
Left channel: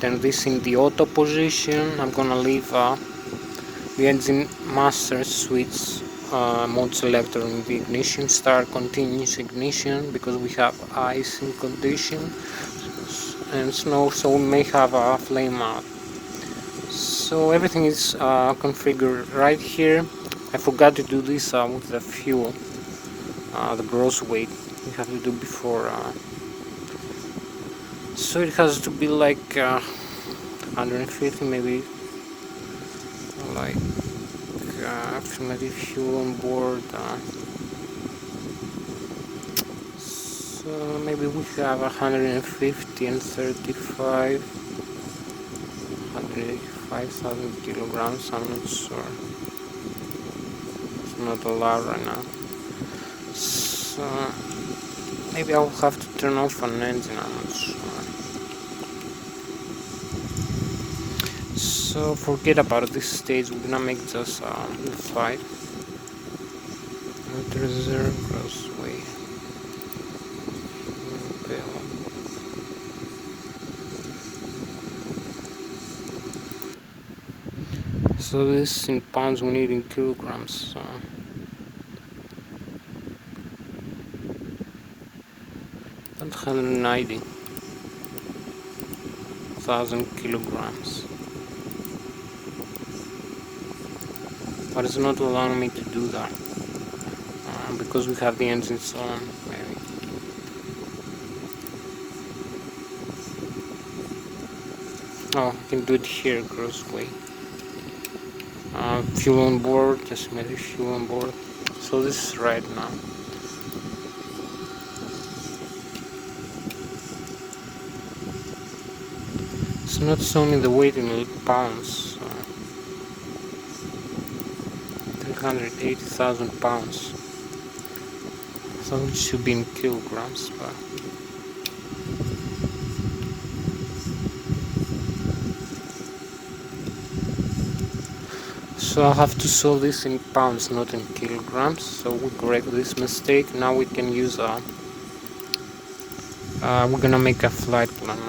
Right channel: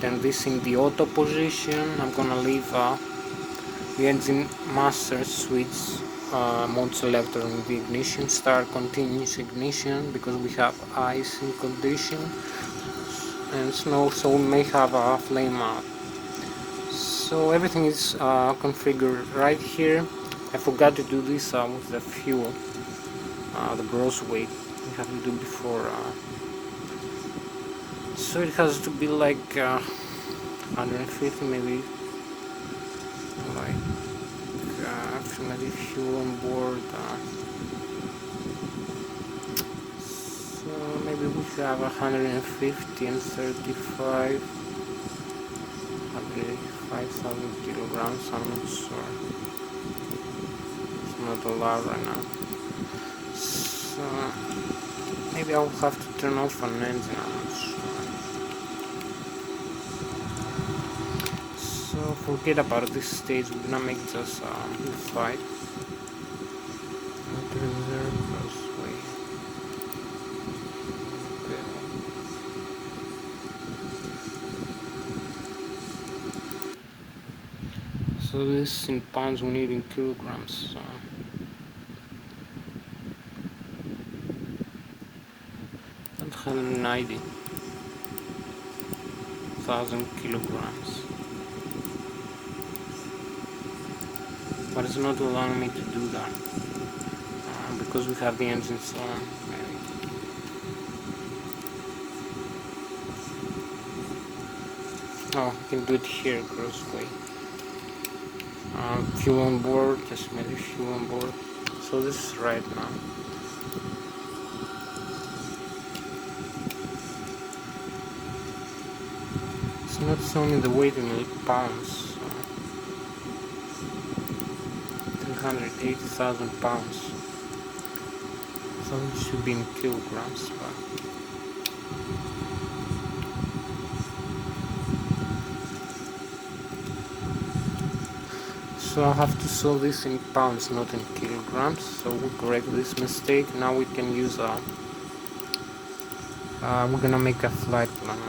turn this in the auto position. I'm gonna leave the engine master switch mode selector in the ignition, start continuous ignition because we have ice in condition and snow, so we may have a flame out. So everything is configured right here. I forgot to do this with the fuel, the gross weight you have to do before. So it has to be like 150 maybe, like maybe fuel on board. So maybe we have 150 and 35, 185,000 kilograms. I'm not sure. Not a lot right now, so maybe I'll have to turn off an engine, I'm not sure. So forget about this stage, we're gonna make just the flight. Reserve crossway. Okay. So this in pounds, we need in kilograms. 190,000 kilograms. But it's not allowing me to do that because we have the engines on. Oh, I can do it here, grossly. Fuel on board, just maybe fuel on board. So this is right now. It's not showing the weight in pounds. 380,000 pounds. So it should be in kilograms, but so I'll have to solve this in pounds, not in kilograms. So we correct this mistake. Now we can use we're gonna make a flight plan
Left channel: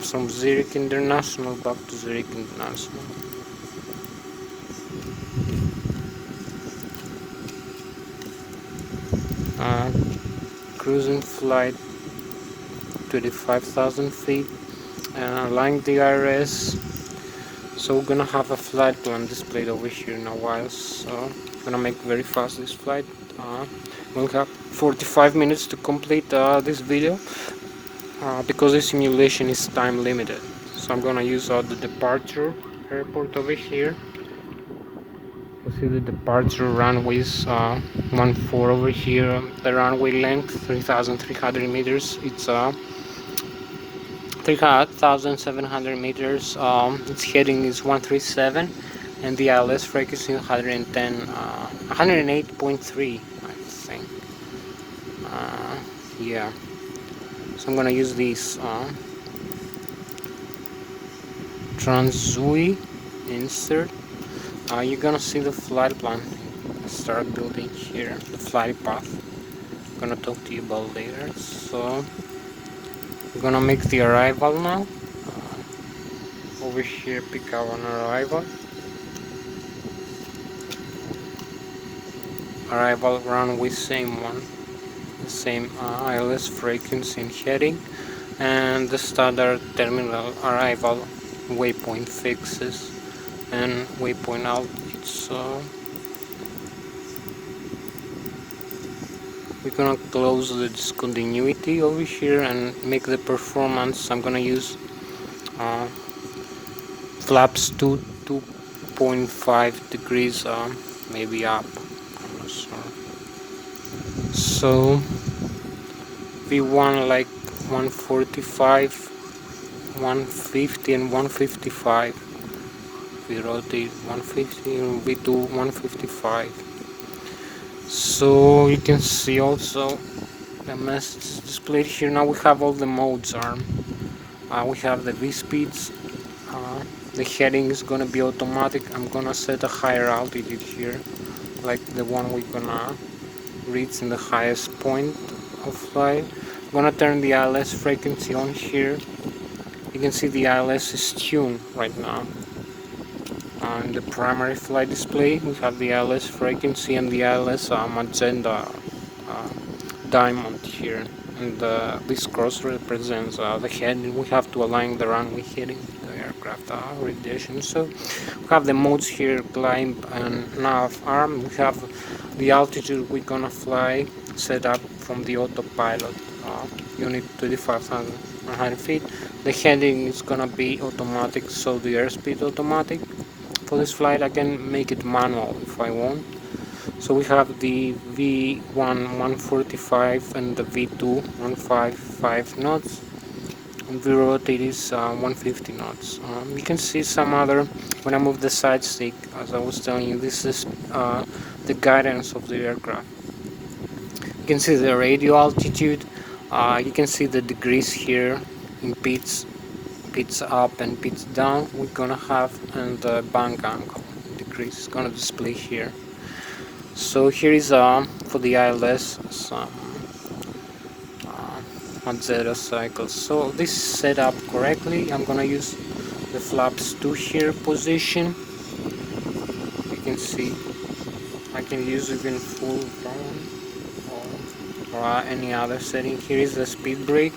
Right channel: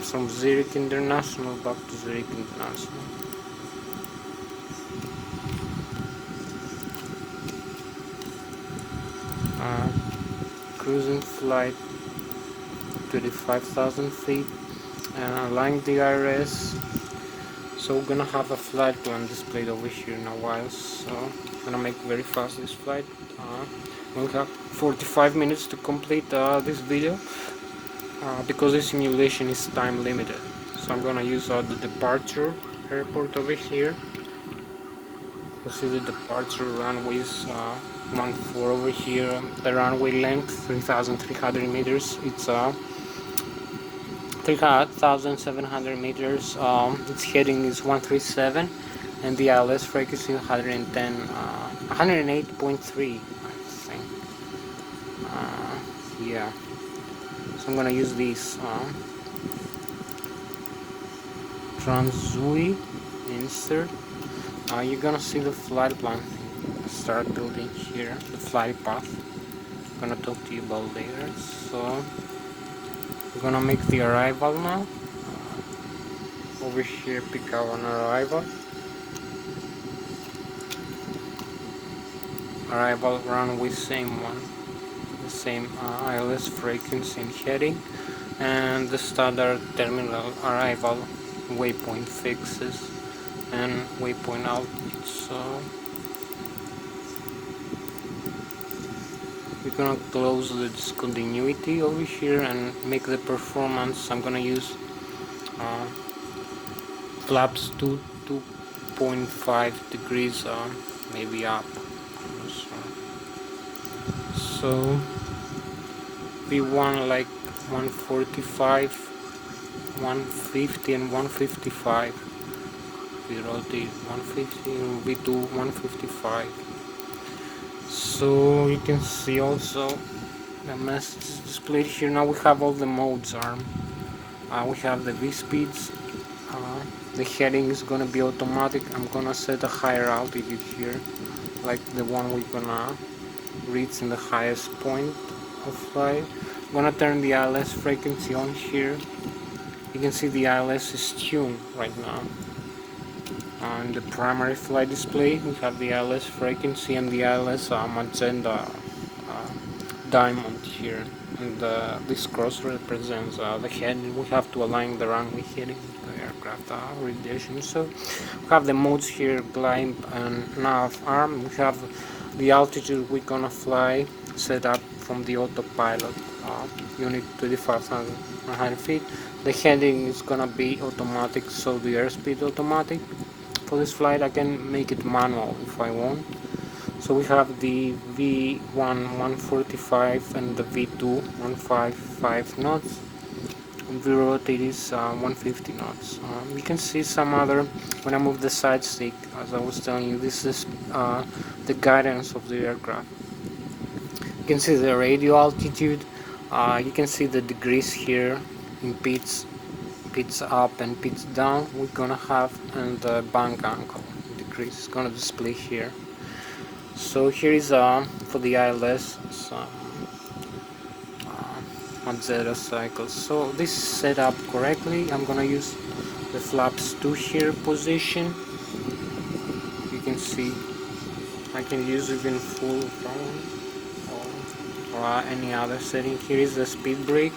from Zurich International back to Zurich International. Cruising flight 25,000 feet and align the IRS. So we're gonna have a flight plan displayed over here in a while, so I'm gonna make very fast this flight. We'll have 45 minutes to complete this video because the simulation is time limited. So I'm gonna use the departure airport over here. You see the departure runways 14 over here. The runway length 3,300 meters. It's 3,700 meters. Its heading is 137, and the ILS frequency 110, 108.3, I think. Yeah. So I'm gonna use this Transui insert. You're gonna see the flight plan. Start building here the flight path. I'm gonna talk to you about later. So we're gonna make the arrival now. Over here, pick up on arrival. Arrival runway, same one, the same ILS frequency and heading, and the standard terminal arrival waypoint fixes and waypoint altitude. So we're gonna close the discontinuity over here and make the performance. I'm gonna use flaps 2.5 degrees, maybe up. So we want like 145, 150 and 155. We rotate 150 and we do 155. So you can see also the message displayed here. Now we have all the modes arm. We have the V speeds. The heading is gonna be automatic. I'm gonna set a higher altitude here, like the one we're gonna reach in the highest point of flight. I'm gonna turn the ILS frequency on here. You can see the ILS is tuned right now. On the primary flight display, we have the ILS frequency and the ILS magenta diamond here. And this cross represents the heading. We have to align the runway heading, the aircraft orientation. So we have the modes here: climb and nav arm. We have the altitude we're gonna fly set up from the autopilot unit 25,100 feet. The heading is gonna be automatic, so the airspeed automatic. For this flight I can make it manual if I want. So we have the V1 145 and the V2 155 knots. And the rotate is 150 knots. You can see some other, when I move the side stick, as I was telling you, this is the guidance of the aircraft. You can see the radio altitude. You can see the degrees here in pitch up and pitch down. We're gonna have, and the bank angle degrees is gonna display here. So here is for the ILS some Hatsios cycles. So this is set up correctly. I'm gonna use the flaps 2 here position. You can see I can use even full down or any other setting. Here is the speed brake.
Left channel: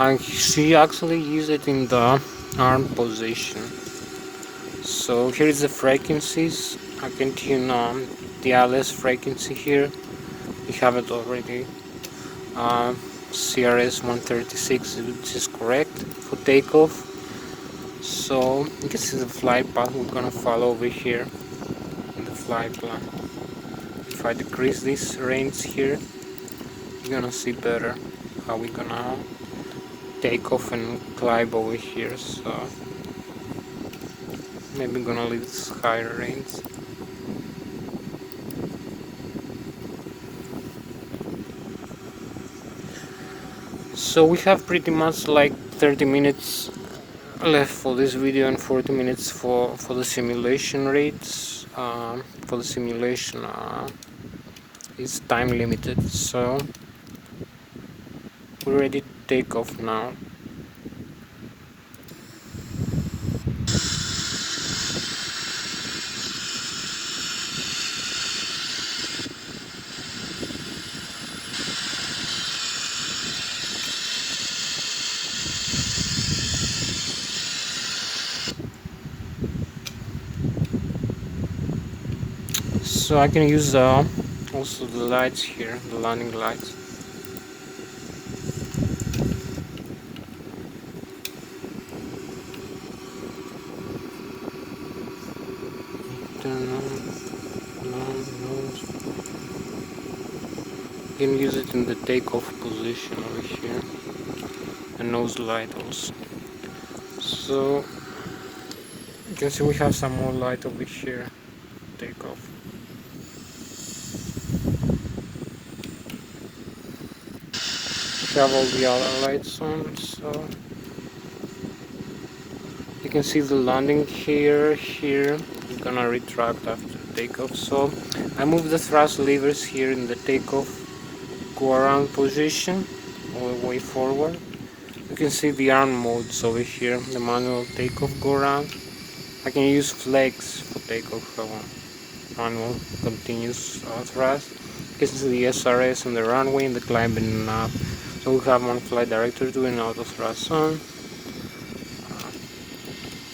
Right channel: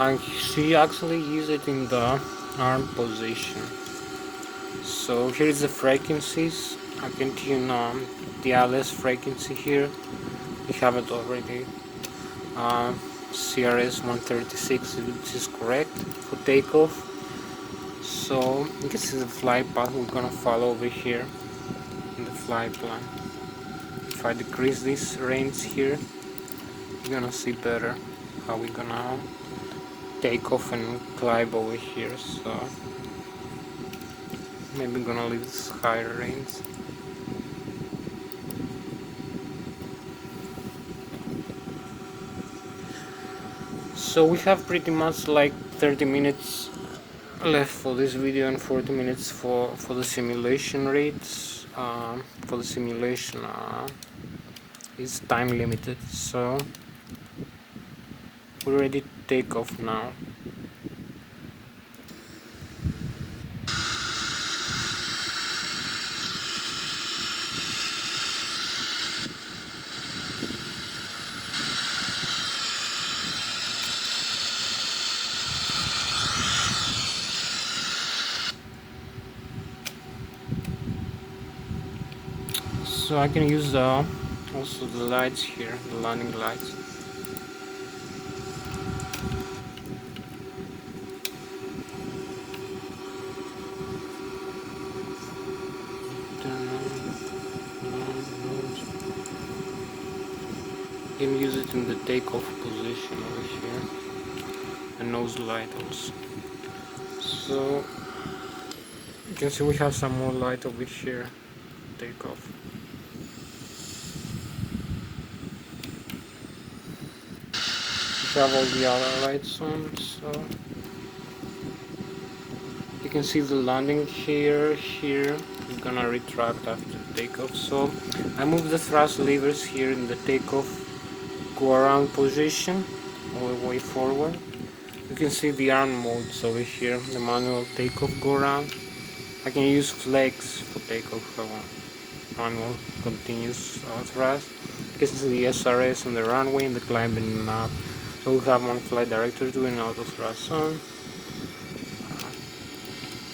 And she actually use it in the arm position. So here is the frequencies. I can tune on the ILS frequency here. We have it already. CRS 136, which is correct for takeoff. So you can see the flight path we're gonna follow over here in the flight plan. If I decrease this range here, you're gonna see better how we're gonna take off and climb over here. So maybe I'm gonna leave this higher range. So we have pretty much like 30 minutes left for this video and 40 minutes for the simulation rates. For the simulation is time limited, so we're ready to take off now. So I can use also the lights here, the landing lights. You can use it in the takeoff position over here. The nose light also. So you can see we have some more light over here. Takeoff. We have all the other lights on, so you can see the landing here. I'm gonna retract after takeoff. So I move the thrust levers here in the takeoff, go around position all the way forward. You can see the arm modes over here, the manual takeoff, go around. I can use flex for takeoff if I want. Manual continuous thrust. You can see the SRS on the runway and the climbing up. So we have one flight director doing auto thrust on.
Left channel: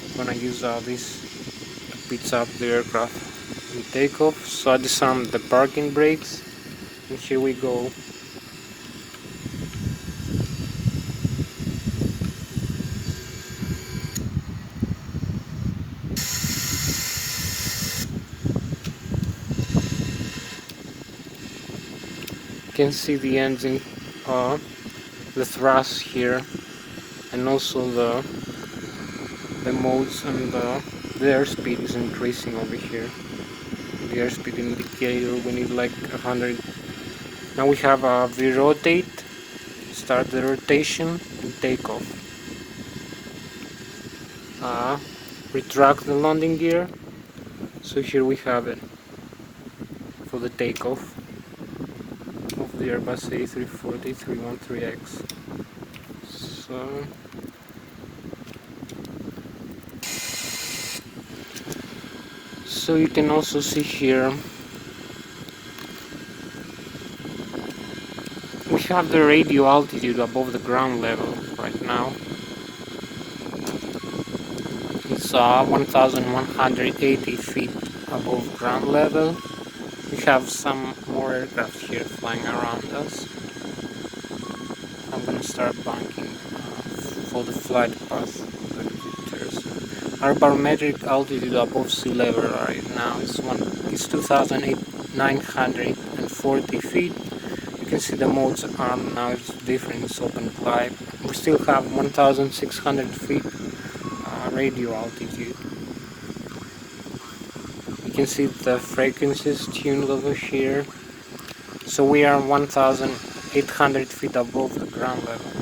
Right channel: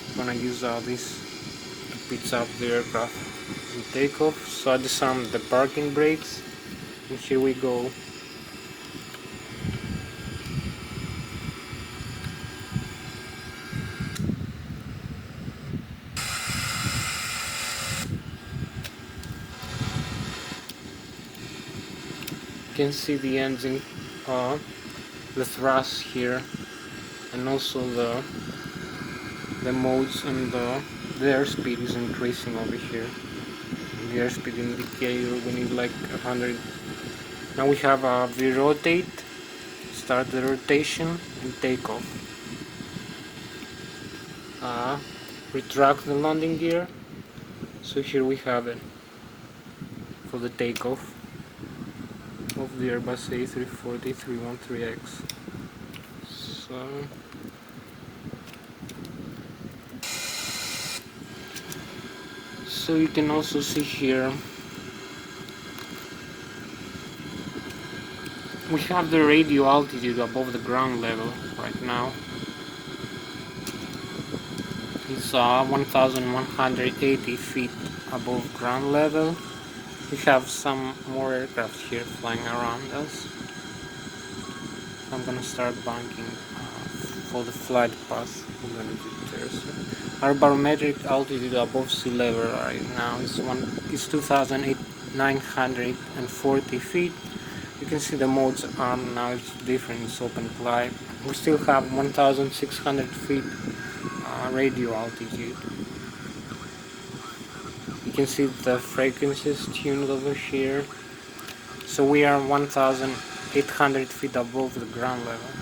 I'm gonna use this to pitch up the aircraft in takeoff. So I disarm the parking brakes. And here we go. You can see the engine, the thrust here, and also the modes, and the airspeed is increasing over here. The airspeed indicator, we need like 100. Now we have the rotate, start the rotation, and take off. Retract the landing gear. So here we have it for the takeoff of the Airbus A340 313X. So you can also see here we have the radio altitude above the ground level right now. It's 1180 feet above ground level. We have some more aircraft here flying around us. I'm gonna start banking for the flight path. I'm gonna be there soon. Our barometric altitude above sea level right now is 2,940 feet. You can see the modes are now, it's different, it's open glide. We still have 1,600 feet radio altitude. You can see the frequencies tuned over here. So we are 1,800 feet above the ground level.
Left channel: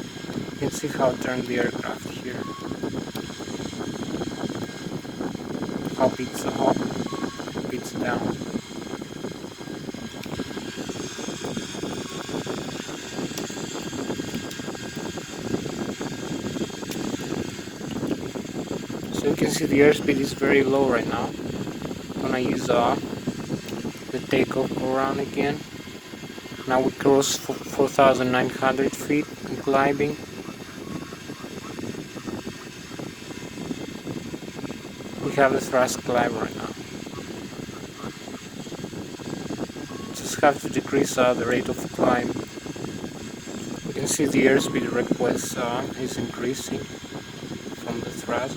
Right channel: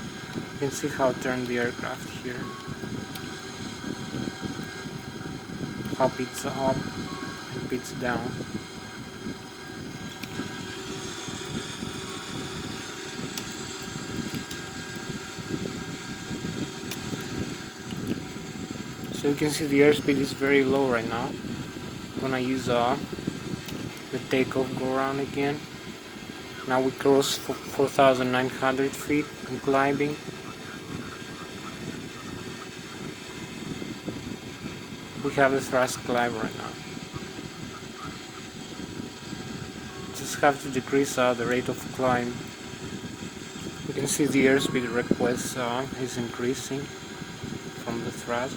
You can see how it turned the aircraft here. How it's up, it's down. So you can see the airspeed is very low right now. I'm gonna use the takeoff go around again. Now we cross 4,900 feet gliding. We have the thrust climb right now. Just have to decrease the rate of climb. You can see the airspeed request is increasing from the thrust.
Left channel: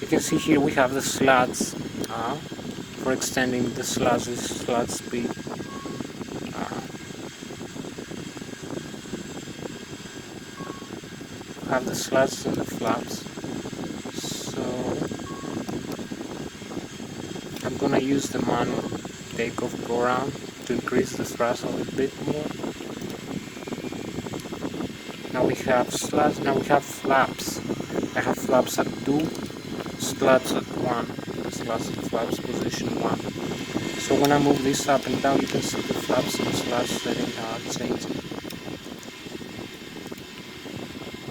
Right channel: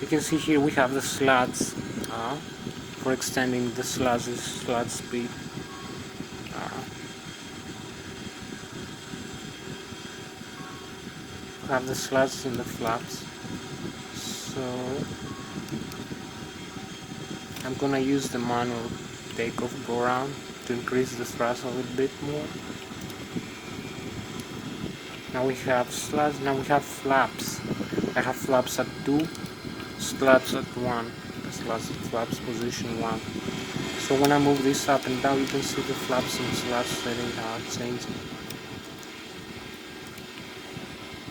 You can see here we have the slots for extending the slot speed. Have the slots and the flaps. So I'm gonna use the manual takeoff go around to increase the thrust a little bit more. Now we have slots, now we have flaps. I have flaps at 2, slots at 1. Flaps position 1. So when I move this up and down, you can see the flaps and slots setting changing.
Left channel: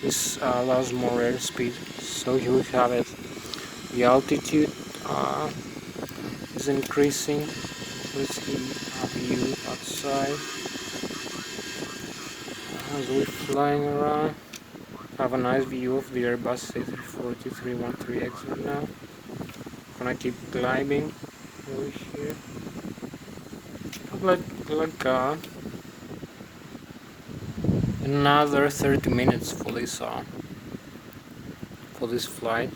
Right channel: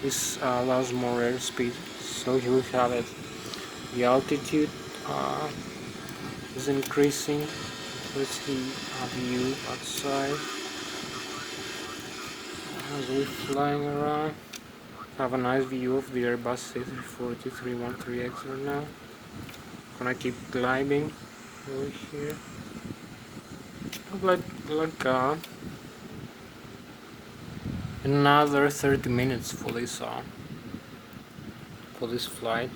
This allows more airspeed. So here we have it. The altitude is increasing. Let's see a view outside as we're flying around. Have a nice view of the Airbus A340 313X right now. Gonna keep gliding over here. Like another 30 minutes for this flight.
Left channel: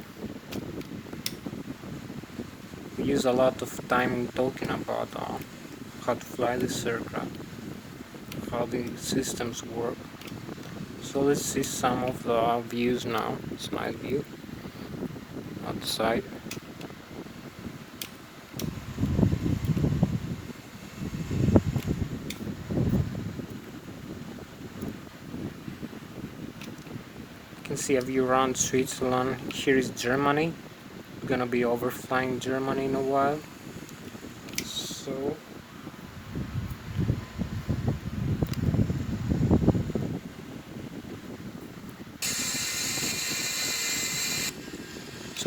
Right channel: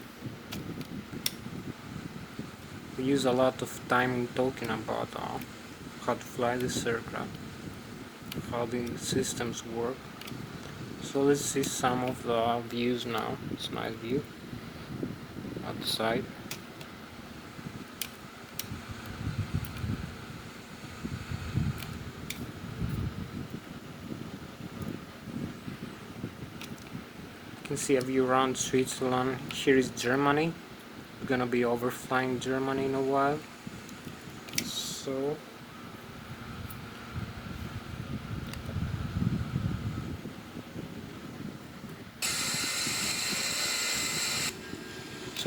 We use a lot of time talking about how to fly this aircraft, how the systems work. So let's see some of the views now. It's a nice view outside. You can see a view around Switzerland. Here is Germany. We're gonna be overflying Germany in a while. So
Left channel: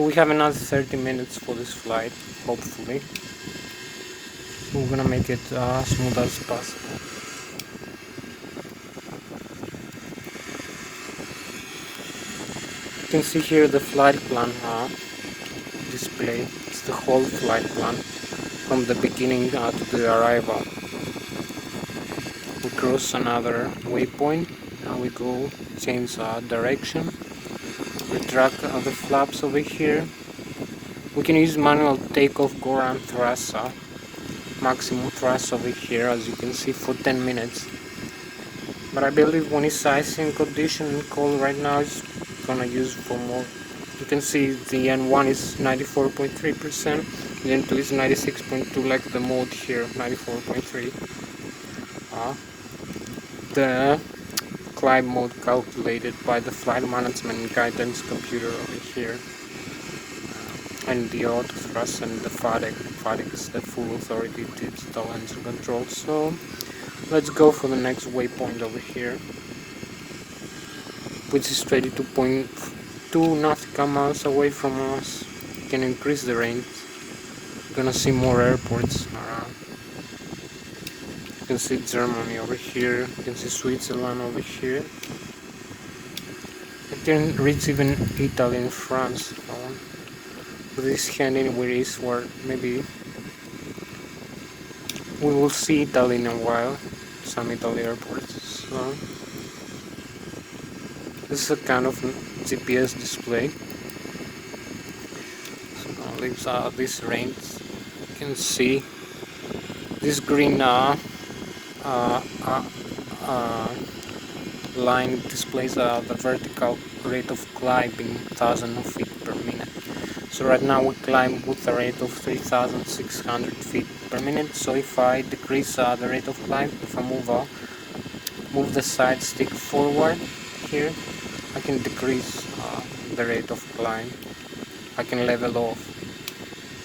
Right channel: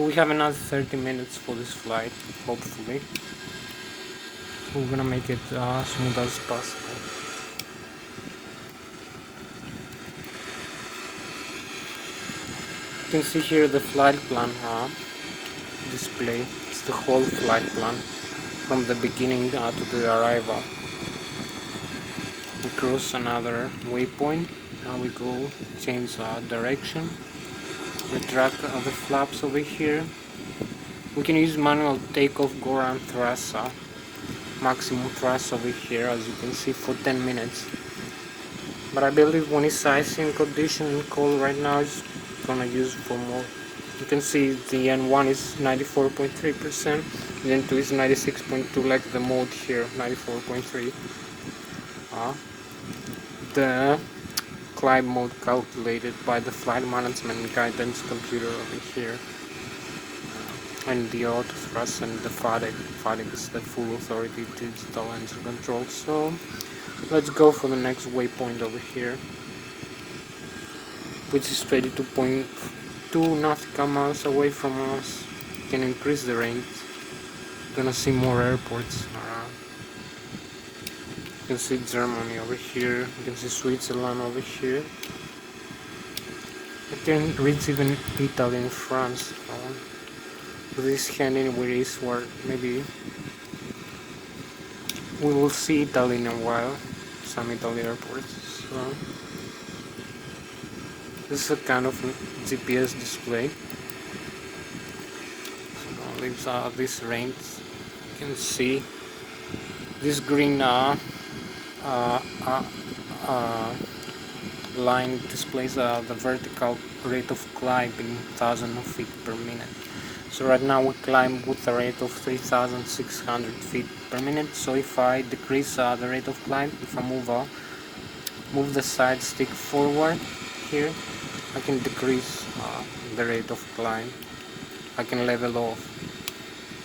we have another 30 minutes for this flight, hopefully. So we're gonna make it smooth as possible. You can see here the flight plan display. It's the whole flight plan from the beginning to the arrival. We cross another waypoint. Now we go change direction. Retract the flaps over here. We can use manual takeoff, go around thrust, maximum thrust over here, as you can see, for 10 minutes. But I believe when it's icing condition and cold right now, it's gonna use for more. You can see the N1 is 94.3%, the N2 is 96.2, like the mode here, 94.3. The climb mode calculated by the flight management guidance computer over here, and the auto thrust and the FADEC is the full authority digital engine control. So let's go for the next waypoint over here, which is 22.2 nautical miles away from us. You can increase the range. You're gonna see more airports. You can see Germany over here. You can see Switzerland over here. You can reach even Italy and France. This heading where is where maybe we will see Italy in a while. Some Italy airports. So this is a kind of GPS display. So now leaves this range. You can see this green line displays the vertical rate of climbing 1,000 feet per minute. So right now we climb with a rate of 3,600 feet per minute. So if I decrease the rate of climb, if I move the side stick forward here, I can decrease the rate of climb. I can level off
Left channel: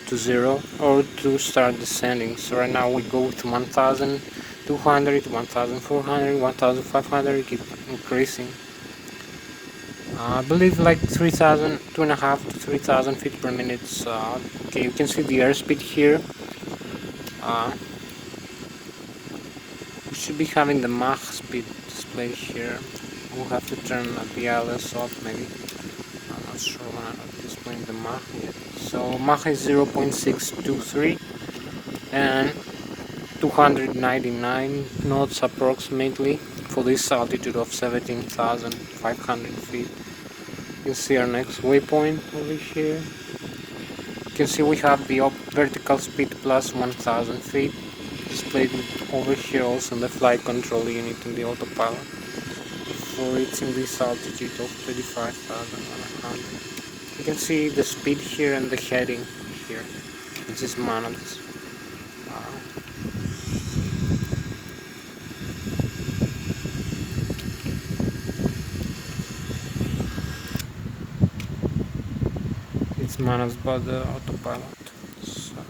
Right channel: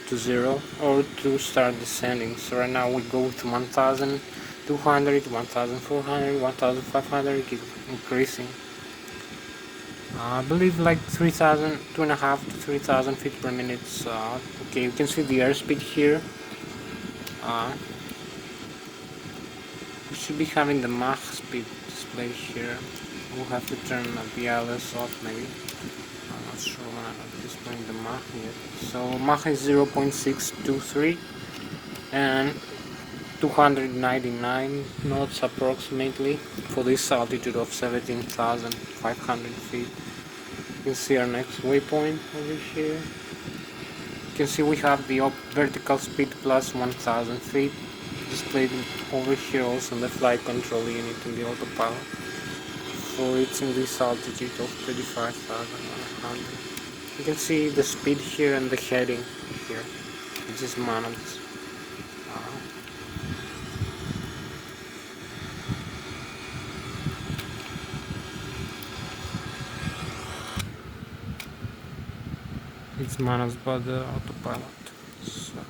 to 0 or to start descending. So right now we go with 1,200, 1,400, 1,500, keep increasing. I believe like 3,000, 2.5 to 3,000 feet per minute. Okay, you can see the airspeed here. We should be having the Mach speed displayed here. We'll have to turn the ILS off maybe. I'm not sure I'm displaying the Mach yet. So Mach is 0.623 and 299 knots approximately for this altitude of 17,500 feet. You can see our next waypoint over here. You can see we have the vertical speed plus 1,000 feet displayed over here, also in the flight control unit in the autopilot for reaching this altitude of 35,100. You can see the speed here and the heading here, which is managed. It's managed by the autopilot. So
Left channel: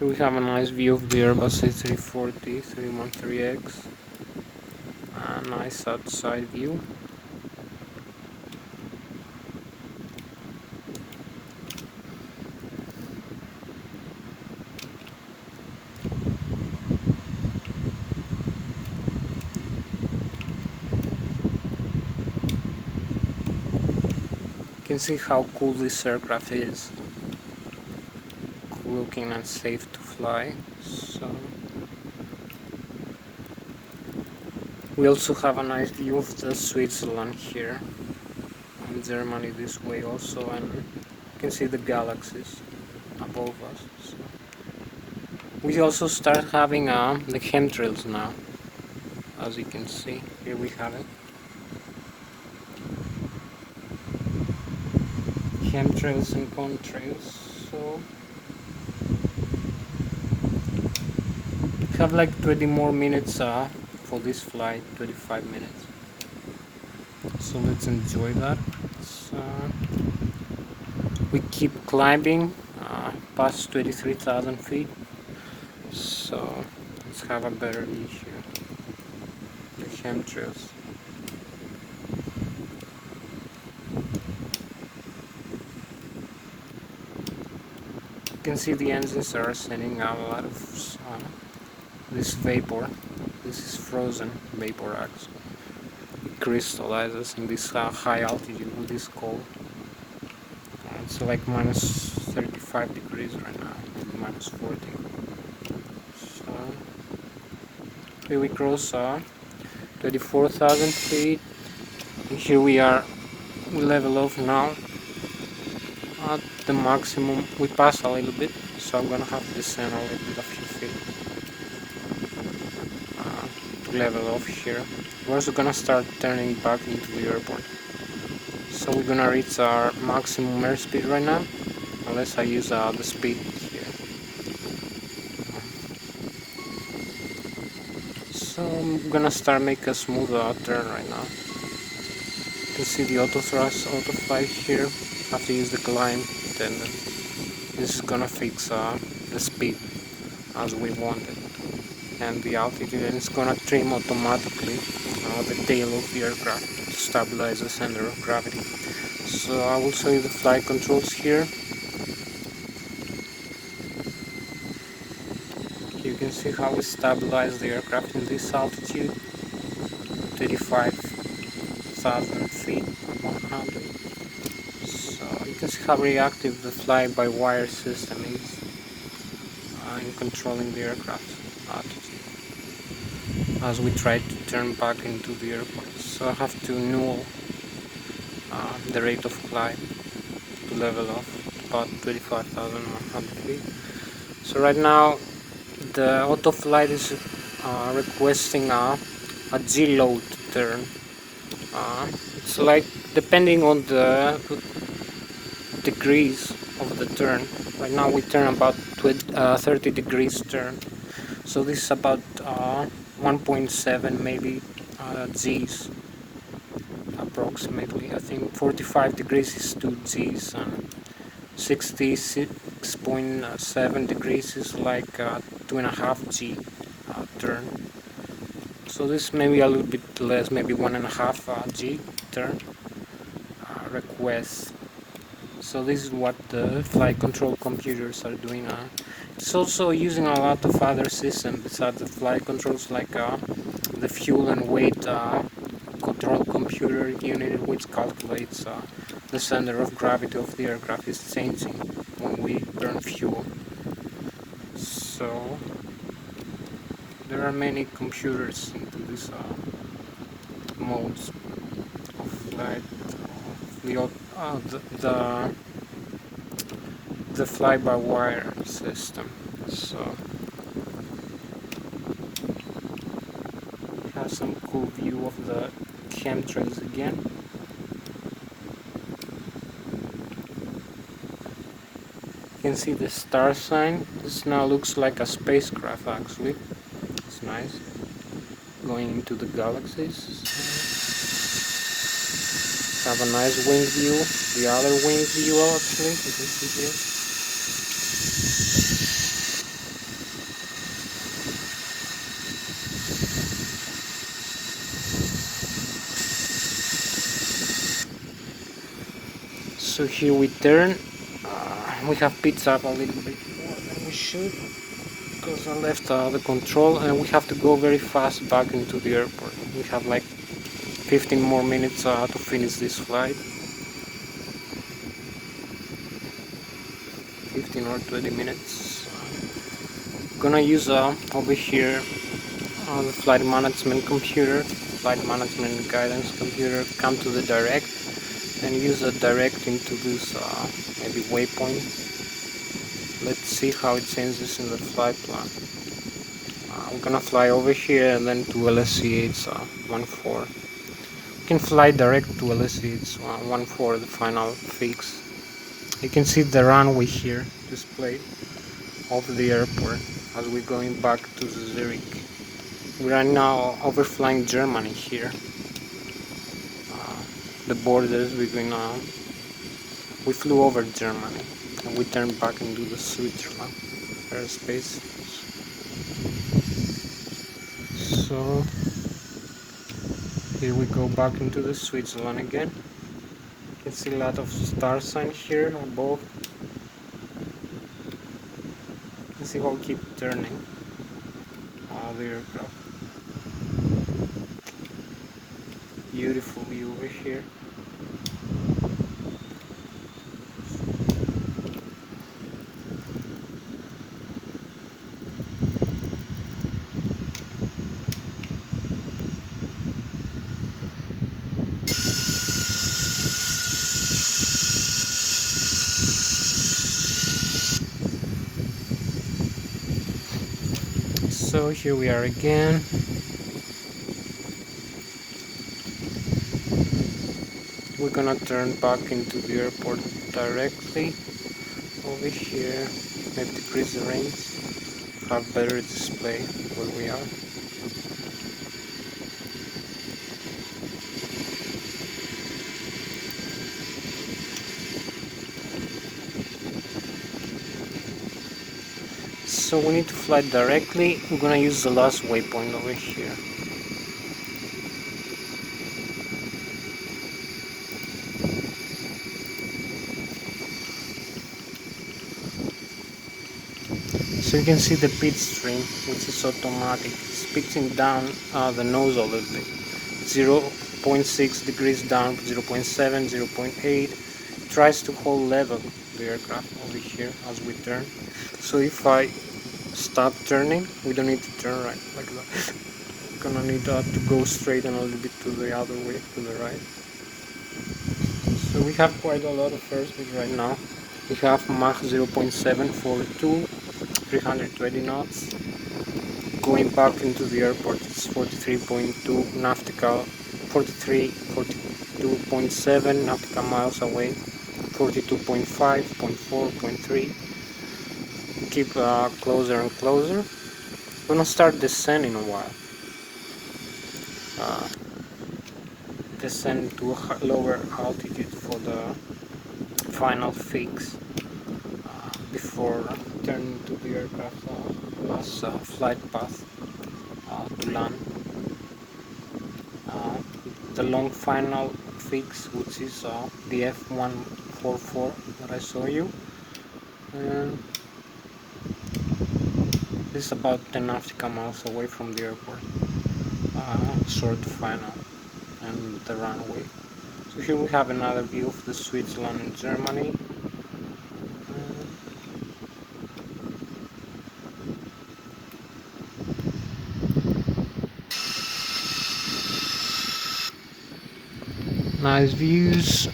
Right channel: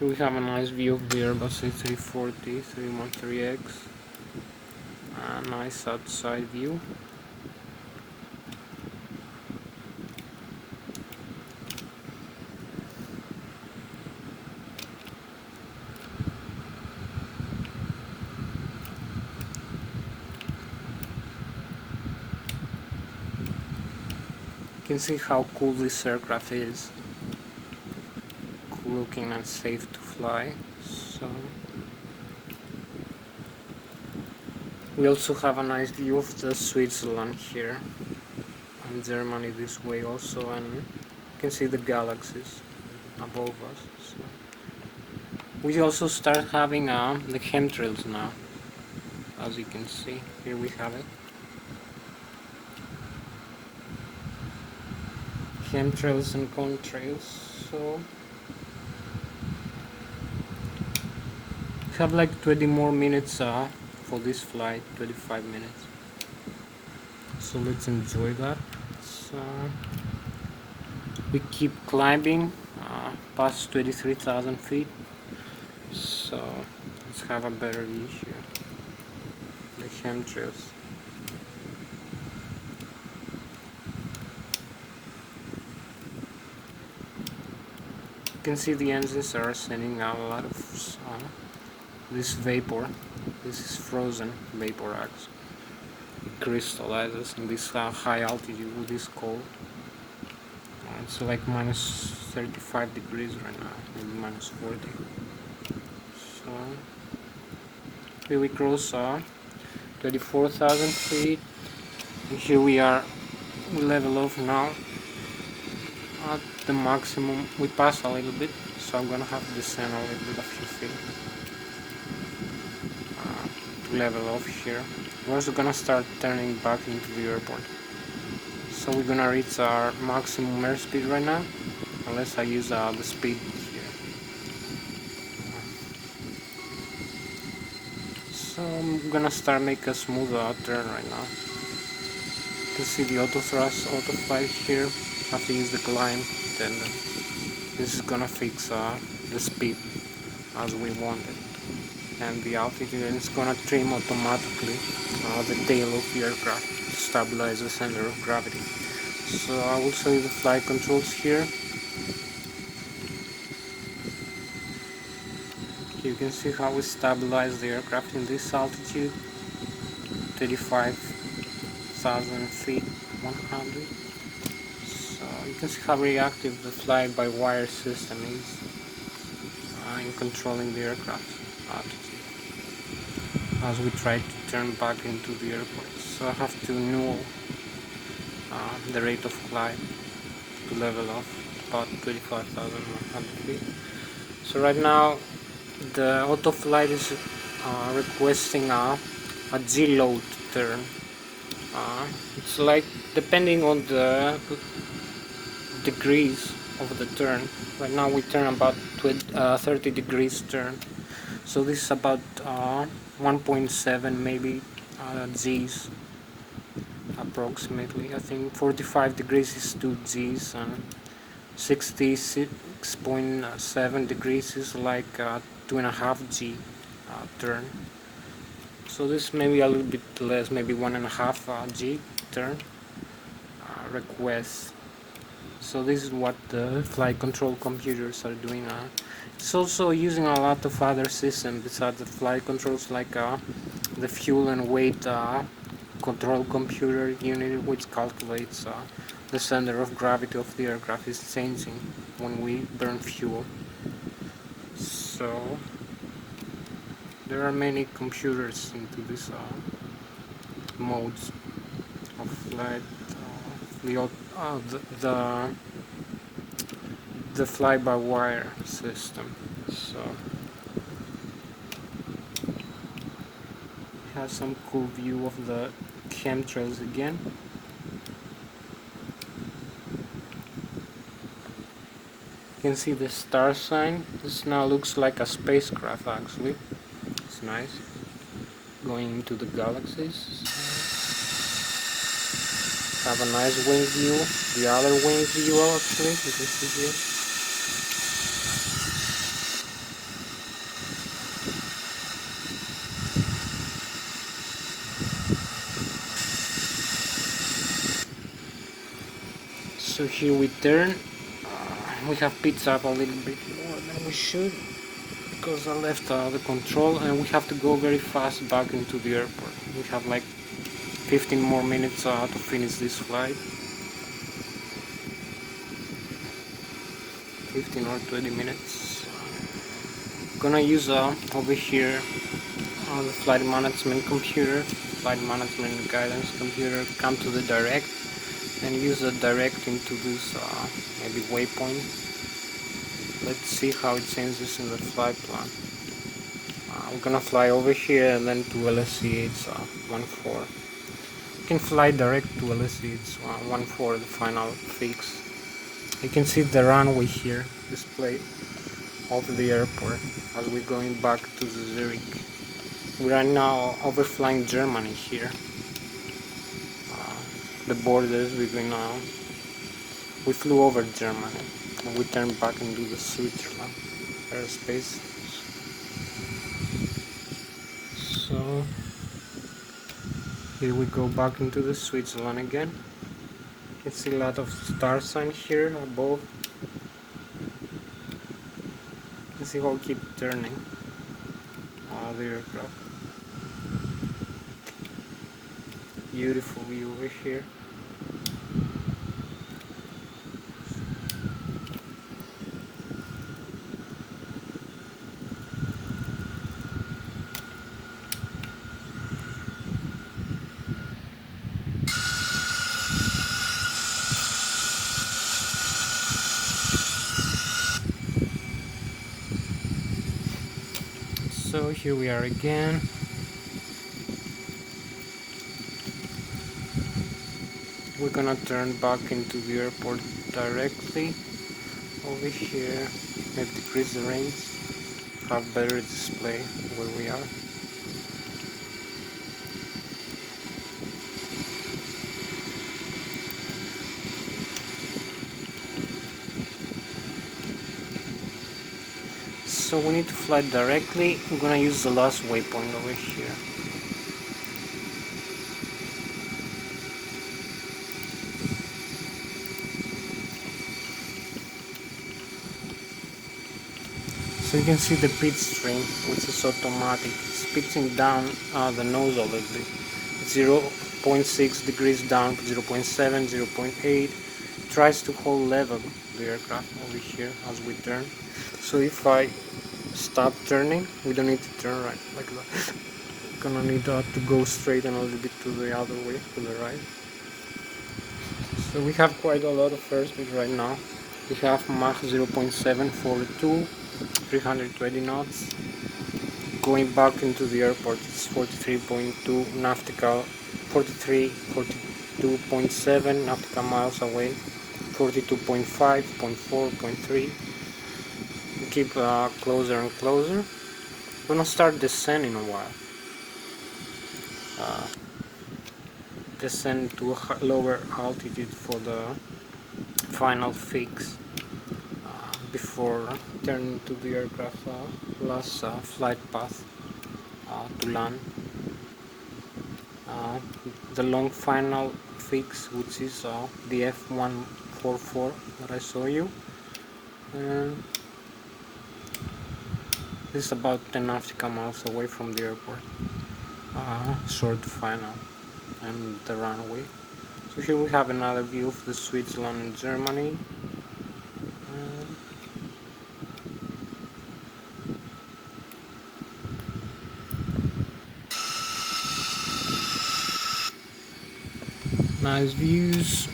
we have a nice view of the Airbus A340 313X. A nice outside view. You can see how cool this aircraft is. Cool looking and safe to fly. So we also have a nice view of the Switzerland here, and Germany this way also, and you can see the galaxies above us. So we also start having the chemtrails now, as you can see. Here we have it. Chemtrails and contrails. So we have like 20 more minutes for this flight, 25 minutes. So let's enjoy that. So we keep climbing past 23,000 feet. So let's have a better view here. The chemtrails. You can see the engines are sending out a lot of this vapor. This is frozen vapor actually. It crystallizes in this high altitude with this cold. It's like minus 35 degrees right now, maybe minus 40. So here we cross 34,000 feet. And here we are level off now at the maximum. We pass a little bit, so I'm gonna have to descend a little bit, a few feet to level off here. We're also gonna start turning back into the airport. So we're gonna reach our maximum airspeed right now, unless I use the speed here. So I'm gonna start making a smooth turn right now. You can see the auto thrust, auto flight here. Have to use the climb, then this is gonna fix the speed as we want it, and the altitude, and it's gonna trim automatically the tail of the aircraft to stabilize the center of gravity. So I will show you the flight controls here. You can see how we stabilize the aircraft in this altitude, 35,000 feet, 100. So you can see how reactive the fly-by-wire system is in controlling the aircraft altitude as we try to turn back into the airport. So I have to null the rate of flight to level off about 35,100 feet. So right now the auto flight is requesting a G-load turn. It's like depending on the degrees of the turn. Right now we turn about 30 degrees turn. So this is about 1.7 maybe G's approximately. I think 45 degrees is 2 G's and 66.7 degrees is like 2.5 G turn. So this may be a little bit less, maybe 1.5 G turn request. So this is what the flight control computers are doing. It's also using a lot of other systems besides the flight controls, like the fuel and weight control computer unit, which calculates the center of gravity of the aircraft is changing when we burn fuel. So there are many computers into this modes of flight. The fly-by-wire system. So it has some cool view of the chemtrails again. You can see the star sign. This now looks like a spacecraft actually. It's nice. Going into the galaxies. Have a nice wing view. The other wing view actually, you can see here. So here we turn. We have picked up a little bit more than we should because I left the control, and we have to go very fast back into the airport. We have like 15 more minutes to finish this flight. 15 or 20 minutes. Gonna use over here the flight management computer, flight management guidance computer, come to the direct and use the direct into this maybe waypoint. Let's see how it changes in the flight plan. I'm gonna fly over here and then to Lszh 14. You can fly direct to Lszh 14, the final fix. You can see the runway here displayed of the airport as we're going back to Zurich. We are now overflying Germany here. The borders between we flew over Germany and we turned back into the Switzerland airspace. So here we go back into the Switzerland again. You can see a lot of star sign here above. You can see how we keep turning the aircraft. Beautiful view over here. So here we are again. We're gonna turn back into the airport directly over here. Maybe decrease the range, have better display where we are. So we need to fly directly. We're gonna use the last waypoint over here. So you can see the pit stream, which is automatic. It's pitching down the nose a little bit. It's 0.6 degrees down, 0.7, 0.8. Tries to hold level the aircraft over here as we turn. So if I stop turning, we don't need to turn right like that. We're gonna need to go straight and a little bit to the other way, to the right. So we have quite a lot of airspeed right now. We have Mach 0.742, 320 knots. Going back into the airport, it's 43.2 nautical, 42.7 nautical miles away, 42.5, 0.4, 0.3. Keep closer and closer. We're gonna start descending a while. Descend to a lower altitude for the final fix before turning to the aircraft last flight path to land. The long final fix, which is the F144 that I saw you, and this is about 10 nautical miles away from the airport. Short final and the runway. So here we have another view of the Switzerland and Germany. Nice views.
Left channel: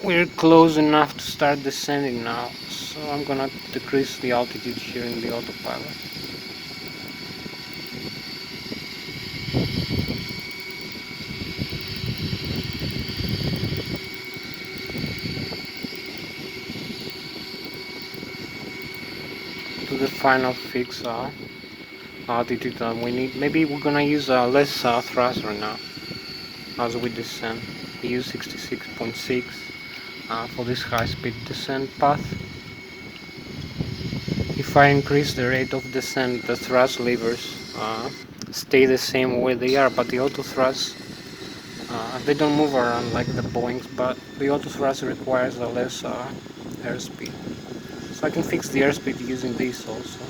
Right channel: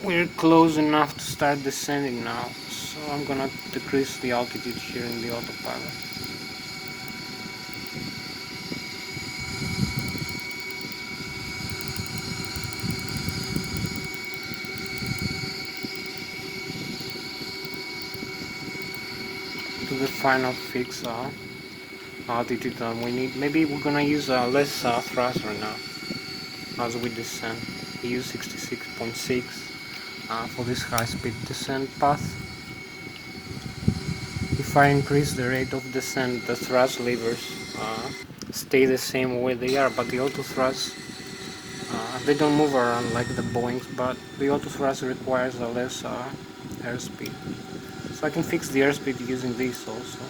We're close enough to start descending now, so I'm gonna decrease the altitude here in the autopilot. To the final fix altitude that we need. Maybe we're gonna use a less thrust right now as we descend. We use 66.6 for this high-speed descent path. If I increase the rate of descent, the thrust levers stay the same way they are, but the auto thrust they don't move around like the Boeings, but the auto thrust requires a less airspeed. So I can fix the airspeed using this also.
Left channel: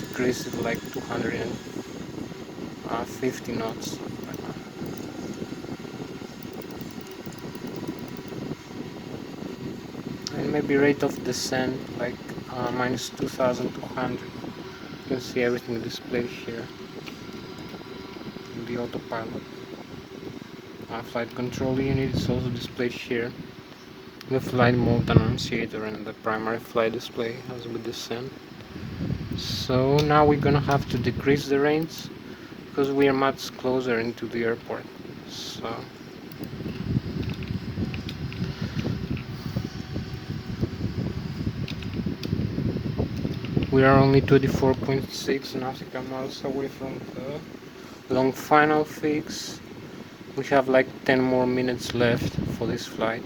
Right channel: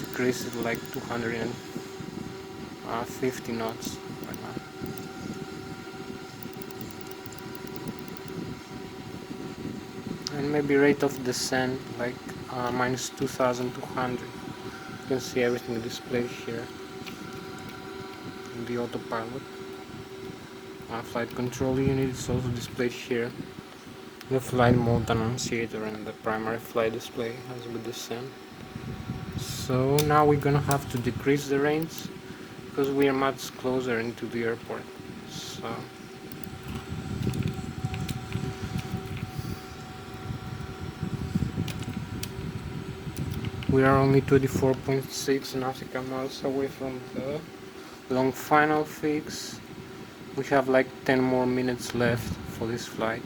Decrease it like 250 knots right now. And maybe rate of descent like minus 2200. You can see everything displayed here in the autopilot. Flight control unit is also displayed here. The flight mode annunciator and the primary flight display as we descend. So now we're gonna have to decrease the range because we are much closer into the airport. So we are only 24.6 nautical miles away from the long final fix. We have like 10 more minutes left for this flight.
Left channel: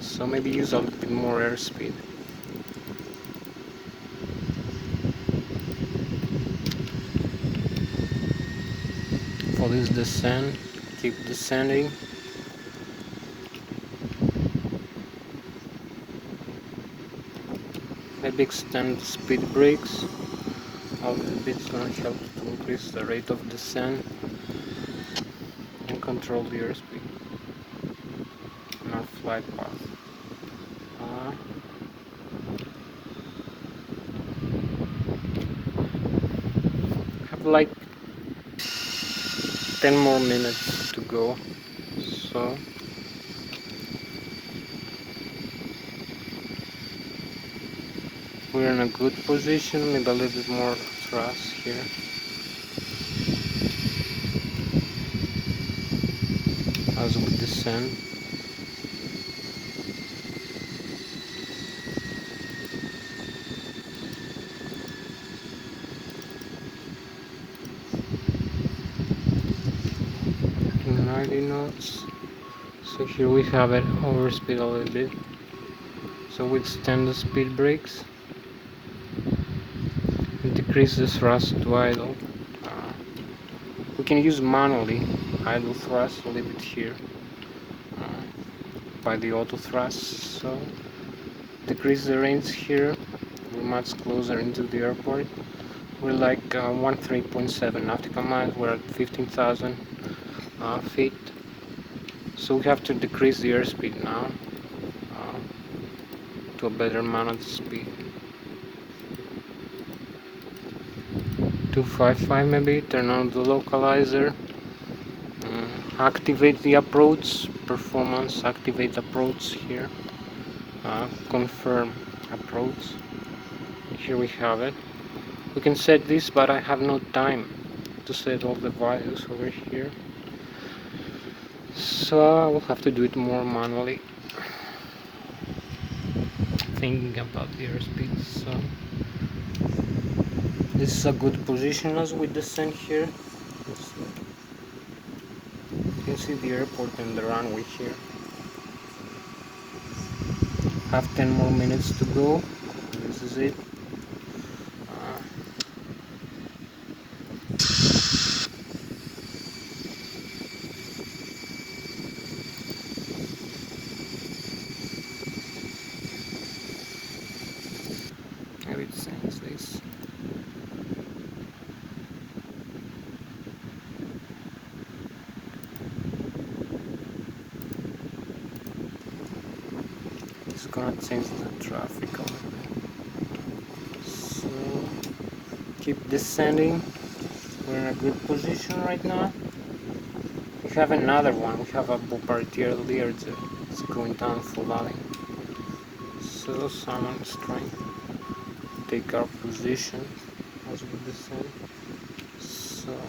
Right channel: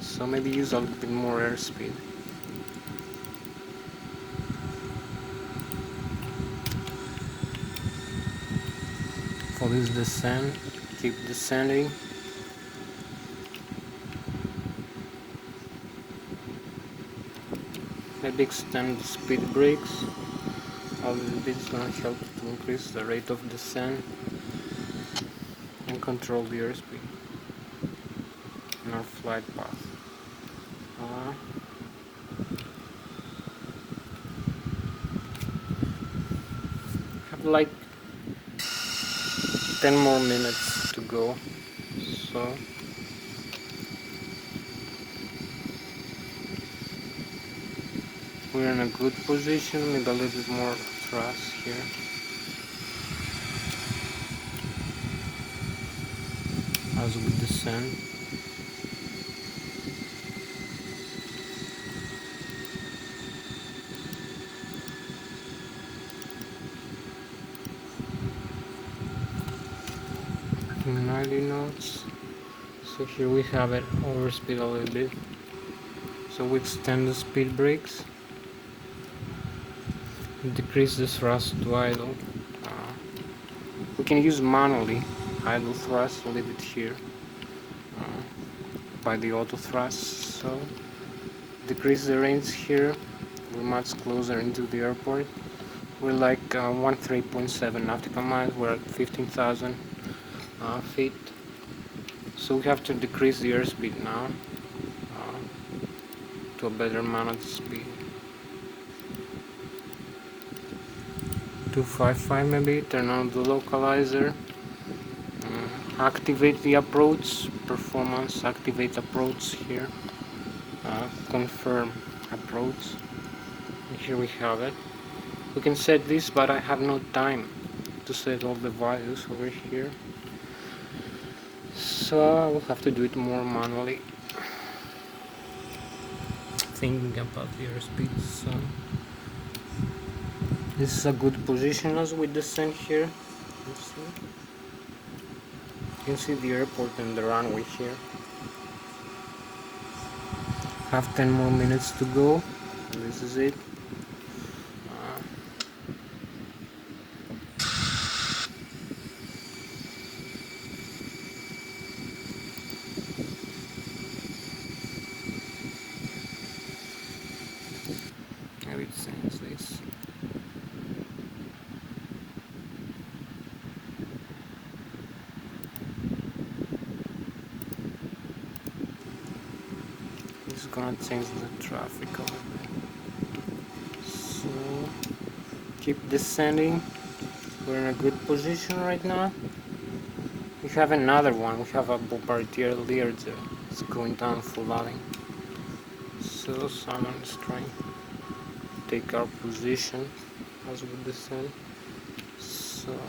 So maybe use a little bit more airspeed. For this descent, keep descending. Maybe extend the speed brakes. A little bit is going to help to increase the rate of descent and control the airspeed in our flight path. Have like 10 more minutes to go, so We're in a good position, maybe a little bit more thrust here. As we descend. To 90 knots. So here we have it, overspeed a little bit. So we extend the speed brakes. Decrease the thrust to idle. We can use manually idle thrust, leave it here by the auto thrust. So decrease the range here. We're much closer into the airport. We're like 13.7 nautical miles. We're at 15,000 feet. So we have to decrease the airspeed now to a better managed speed. 255 maybe. Turn on the localizer. Activate the approach. Performance. Activate approach here. Confirm approach. Here we have it. We can set this, but I have no time to set all the values over here. So we'll have to do it more manually. Thinking about the airspeed, so this is a good position as we descend here. You can see the airport and the runway here. Have 10 more minutes to go. And this is it. Maybe it says this. It's gonna change the traffic a little bit. So keep descending. We're in a good position right now. We have another one. We have a Bombardier Learjet. It's going down full line. So someone is trying to take our position as we descend. So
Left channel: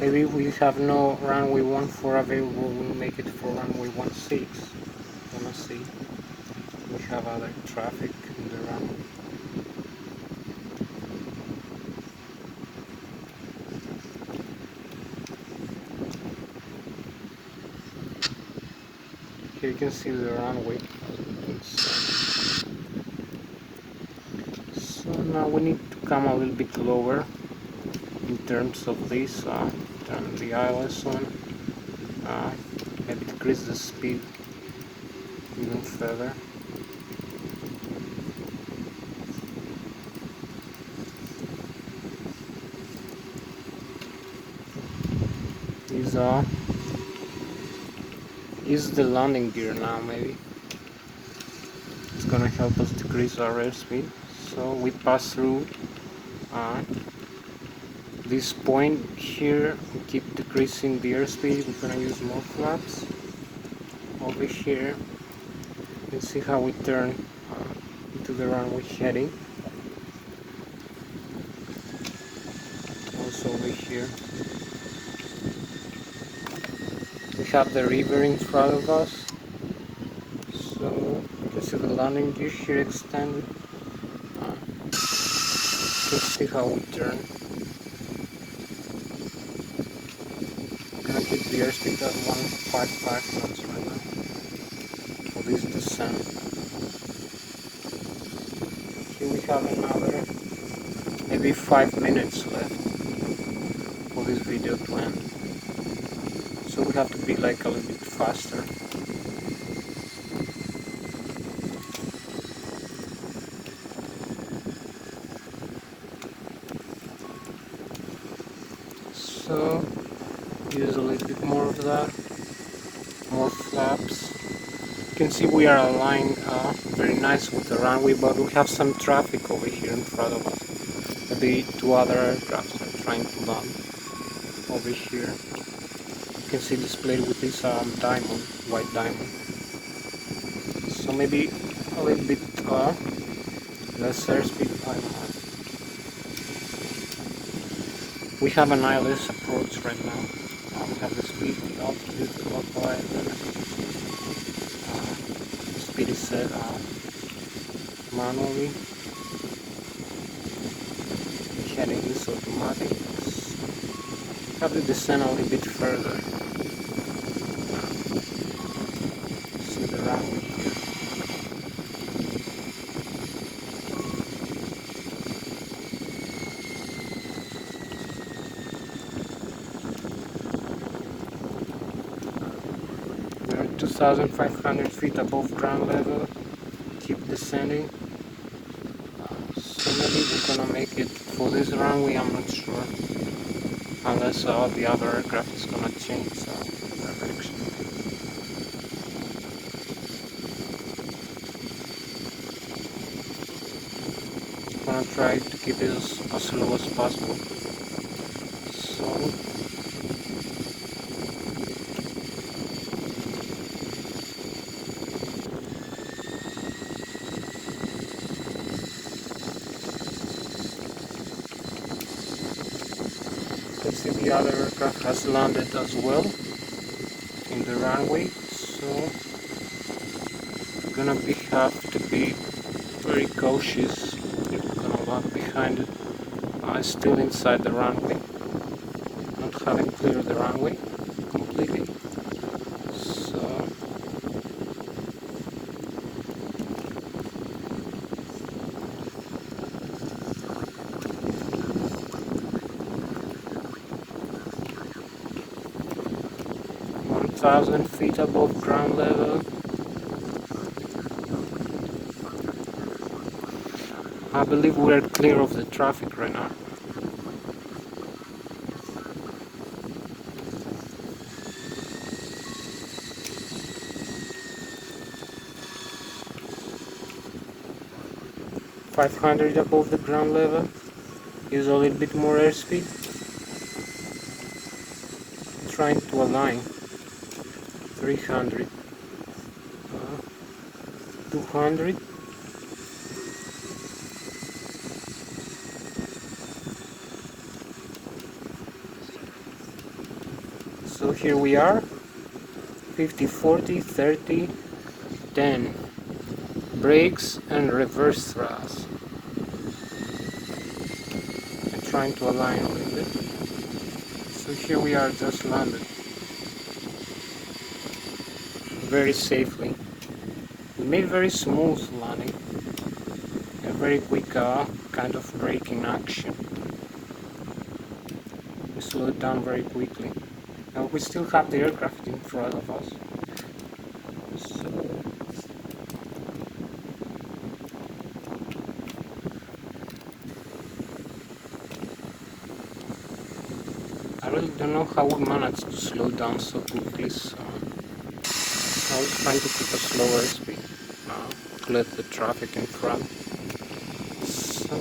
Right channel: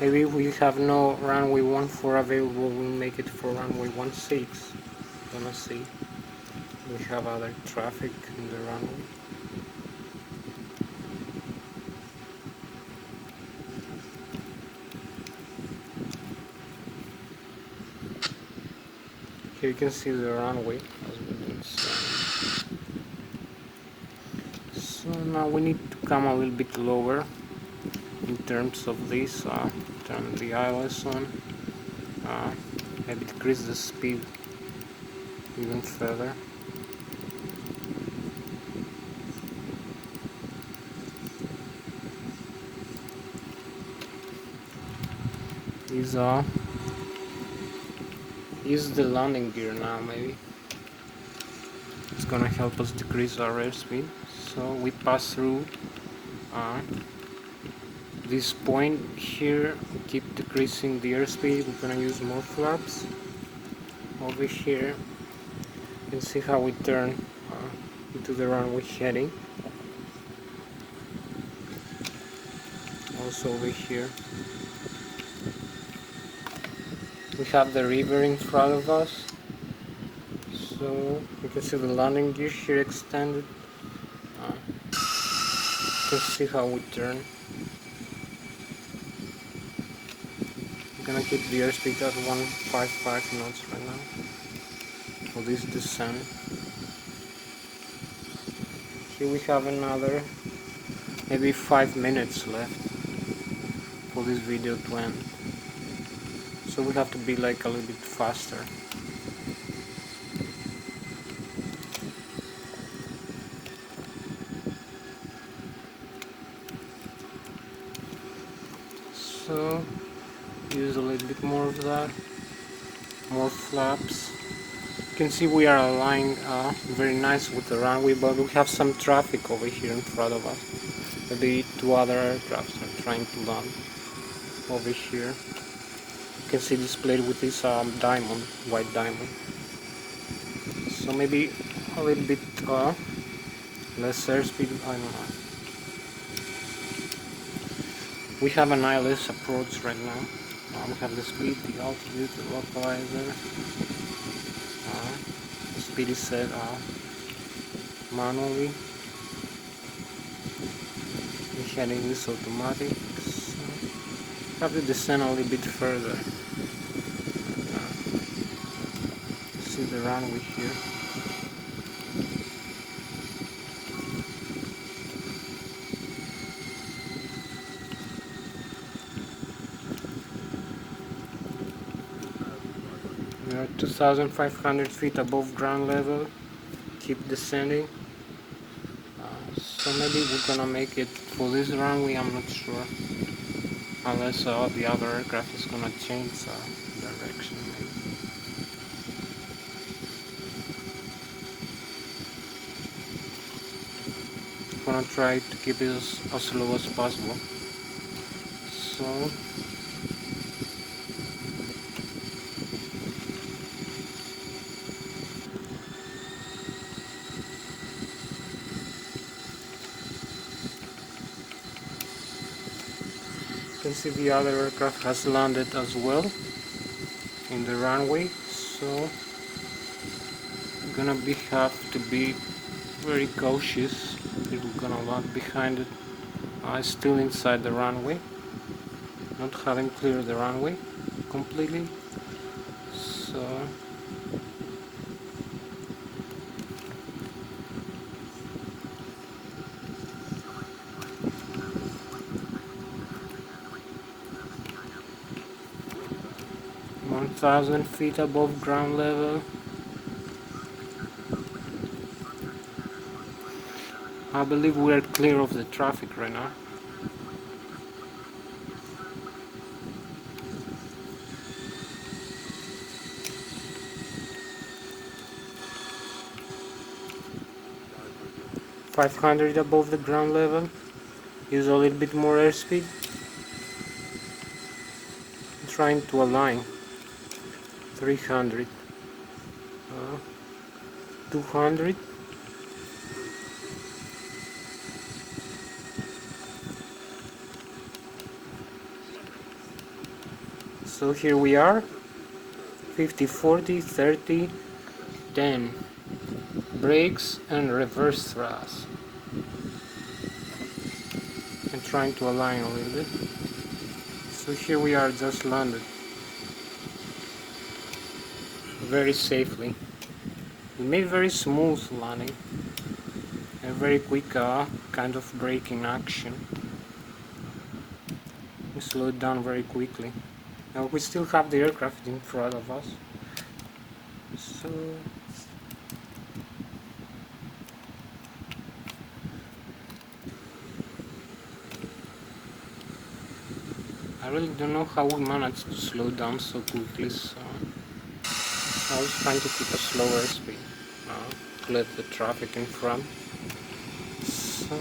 maybe we have no runway 14 available. We'll make it for runway 16. Gonna see. We have other traffic in the runway. Here you can see the runway. So now we need to come a little bit lower in terms of this. Turn the ILS on. Maybe decrease the speed even further. Is the landing gear now, maybe. It's gonna help us decrease our airspeed. So we pass through this point here. We keep decreasing the airspeed. We're gonna use more flaps over here. You can see how we turn into the runway heading. Also over here. We have the river in front of us, so you can see the landing gear here extended. You can see how we turn. I'm gonna keep the airspeed at 155 knots right now for this descent. Here we have another maybe 5 minutes left for this video to end. So we have to be like a little bit faster. So use a little bit more of that, more flaps. You can see we are aligned very nice with the runway, but we have some traffic over here in front of us. Maybe 2 other aircrafts are trying to land over here. You can see displayed with this diamond, white diamond. So maybe a little bit Less airspeed, I don't know. We have an ILS approach right now. We have the speed, the altitude, the localizer. The speed is set manually. The heading is automatic. So have to descend a little bit further. See the runway here. We are 2,500 feet above ground level. Keep descending. So maybe we're gonna make it for this runway, I'm not sure. Unless the other aircraft is gonna change direction. I'm gonna try to keep it as low as possible. So you can see the other aircraft has landed as well in the runway, so we're gonna have to be very cautious if we're gonna land behind it. Still inside the runway, not having cleared the runway completely. So 1,000 feet above ground level. I believe we are clear of the traffic right now. .500 above the ground level. Use a little bit more airspeed. Trying to align. 300. 200. So here we are. 50, 40, 30, 10. Brakes and reverse thrust. I'm trying to align a little bit. So here we are, just landed. Very safely. We made very smooth landing. A very quick kind of braking action. We slowed down very quickly. Now we still have the aircraft in front of us. So I really don't know how we managed to slow down so quickly, so I was trying to keep a slower speed to let the traffic in front. So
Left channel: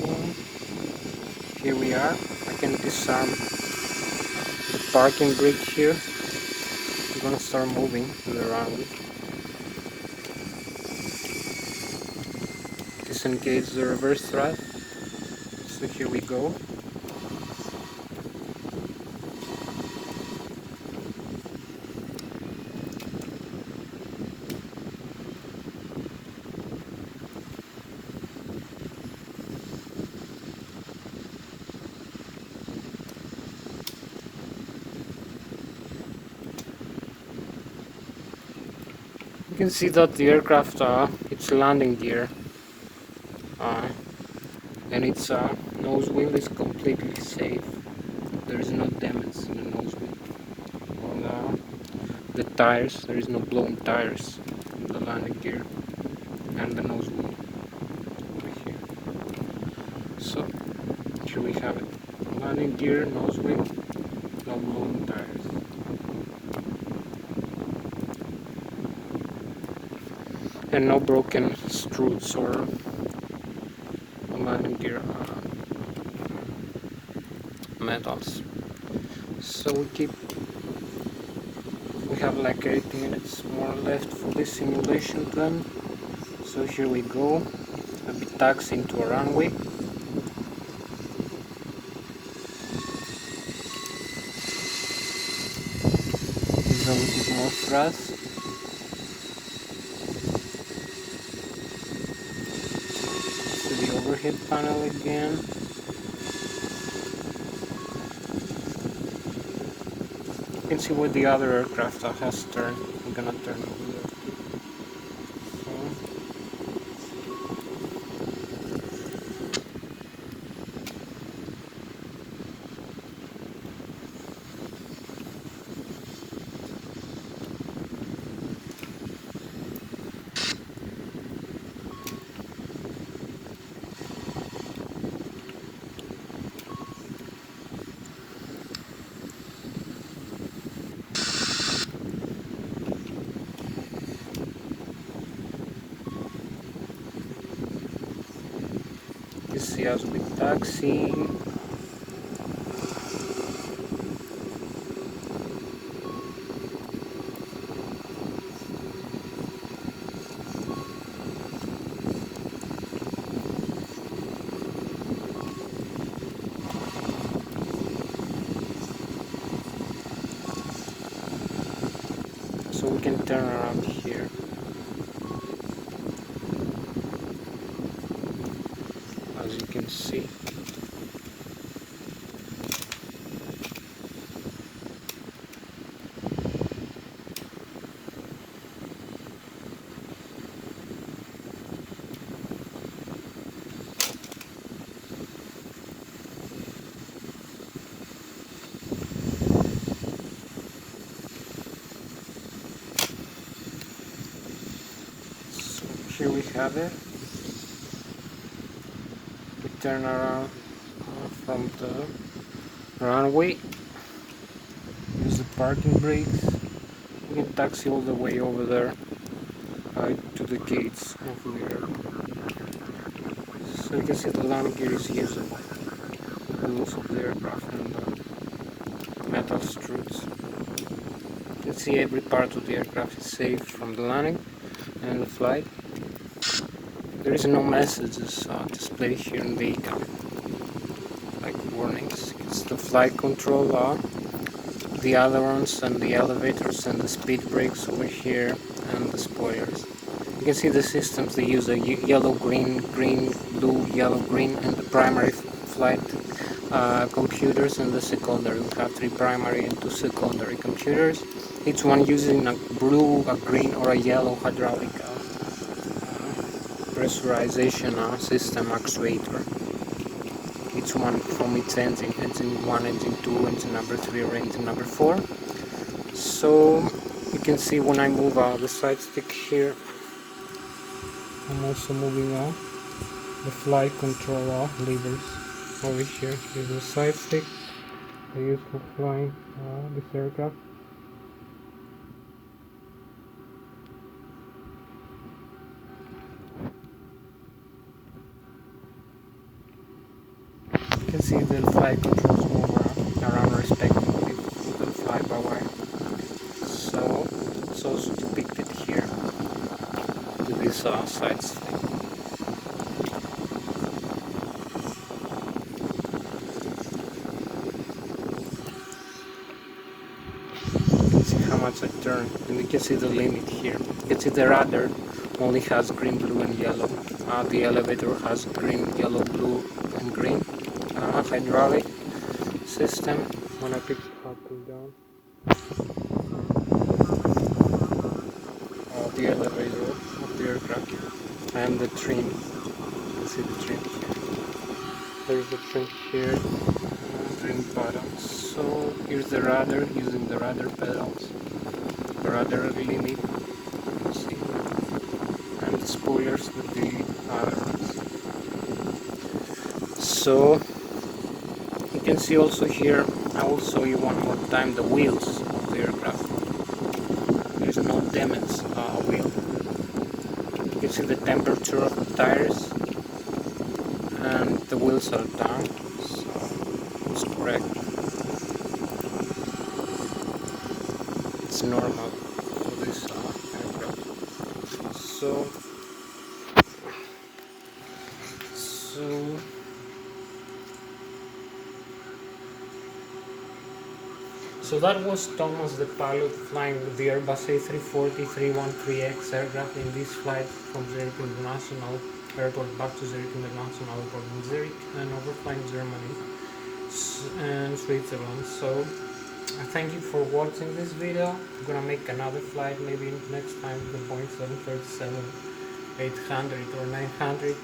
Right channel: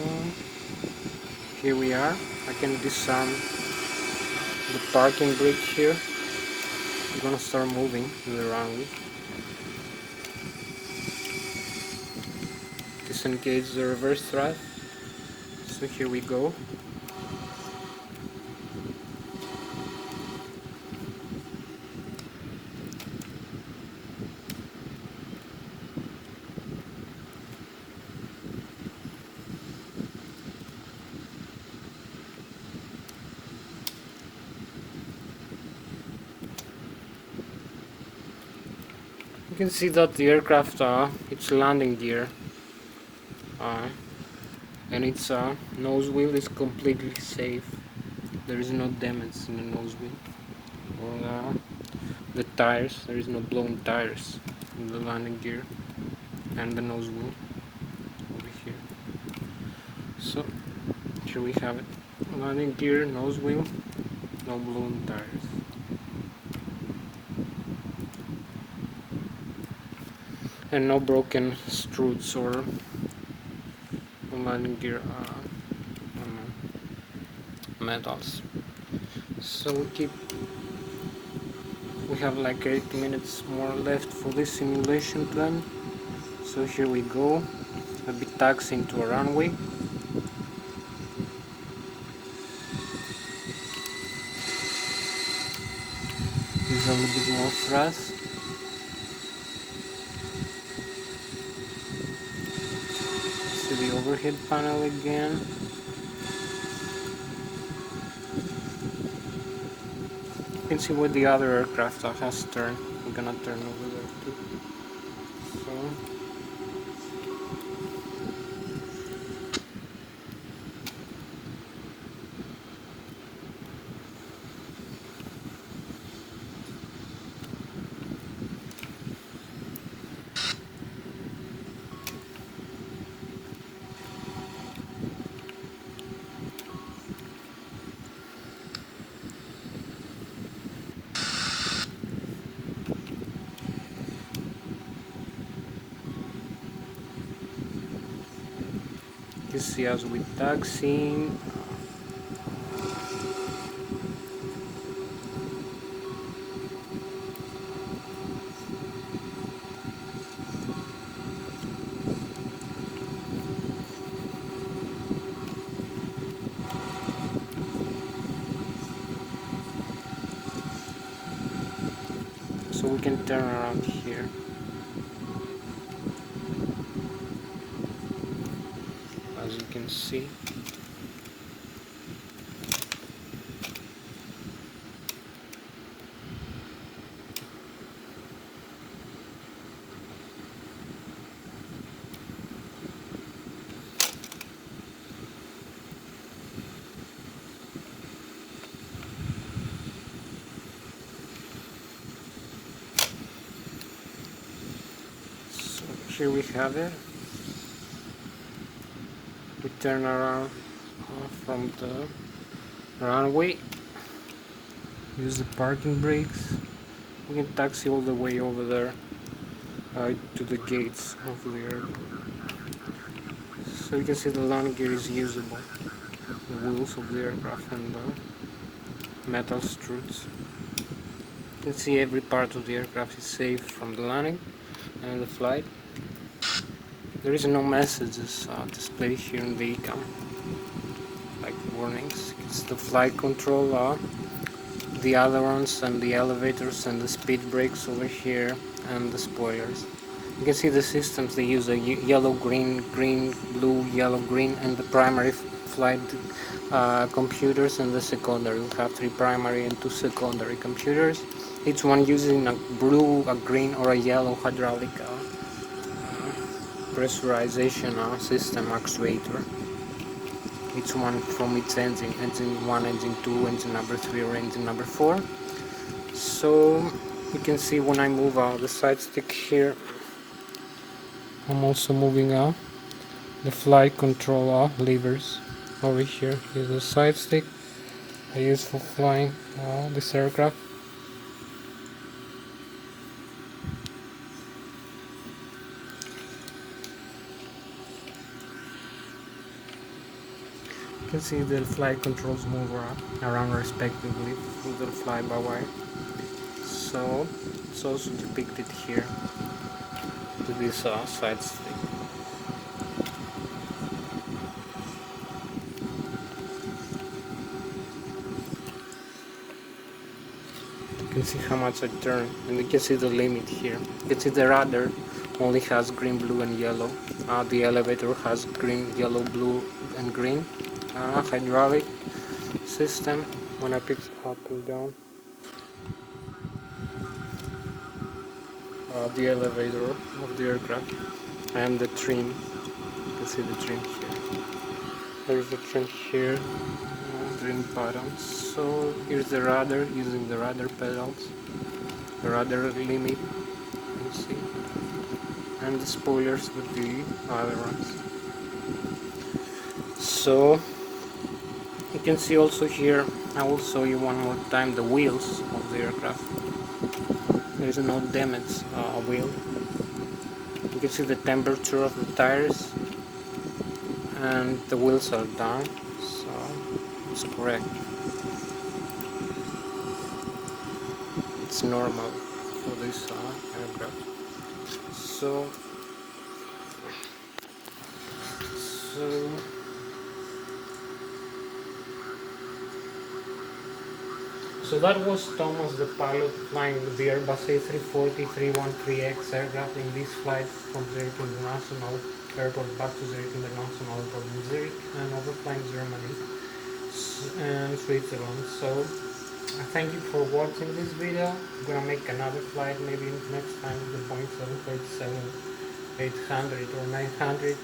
here we are. I can disarm the parking brakes here. I'm gonna start moving to the runway. Disengage the reverse thrust. So here we go. You can see that the aircraft, its landing gear and its nose wheel is completely safe. There is no damage in the nose wheel or the tires. There is no blown tires in the landing gear and the nose wheel over here. So here we have it. Landing gear, nose wheel, no blown tires. And no broken struts or landing gear metals. So we have like 8 minutes more left for this simulation to end. So here we go. I'll be taxiing to a runway. Use a little bit more thrust. To the overhead panel again. You can see where the other aircraft has turned. I'm gonna turn over there too. So you see us with taxiing. So we can turn around here. As you can see. So here we have it. We turn around from the runway. Use the parking brakes. We can taxi all the way over there to the gates of the airport. So you can see the landing gear is usable. The wheels of the aircraft and the metal struts. You can see every part of the aircraft is safe from the landing and the flight. There is no messages displayed here in the econ, like warnings. It's the flight control, the ailerons and the elevators and the speed brakes over here, and the spoilers. You can see the systems. They use a yellow, green, green, blue, yellow, green, and the primary flight computers and the secondary. We have 3 primary and 2 secondary computers, each one using a blue, a green, or a yellow hydraulic pressurization system actuator. Each one from its engine, engine 1, engine 2, engine number 3, or engine number 4. So you can see when I move the side stick here, I'm also moving the flight control levers over here. Here's the side stick I use for flying this aircraft. You can see the flight controls move around respectively with the fly-by-wire. So it's also depicted here to this side stick. You can see how much I turn, and you can see the limit here. You can see the rudder only has green, blue, and yellow. The elevator has green, yellow, blue, and green. Hydraulic system when I pick up and down. The elevator of the aircraft and the trim. You can see the trim here. There's the trim here, trim buttons. So here's the rudder using the rudder pedals, the rudder limit, you can see, and the spoilers with the ailerons. So you can see also here, I will show you one more time the wheels of the aircraft. There's no damage wheel. You can see the temperature of the tires, and the wheels are down, so it's correct. It's normal for this aircraft. So So that was Thomas the pilot flying the Airbus A340-313X aircraft in this flight from Zurich International Airport back to Zurich International Airport in Zurich and overflying Germany and Switzerland. So I thank you for watching this video. I'm gonna make another flight maybe next time with the Boeing 737-800 or 900.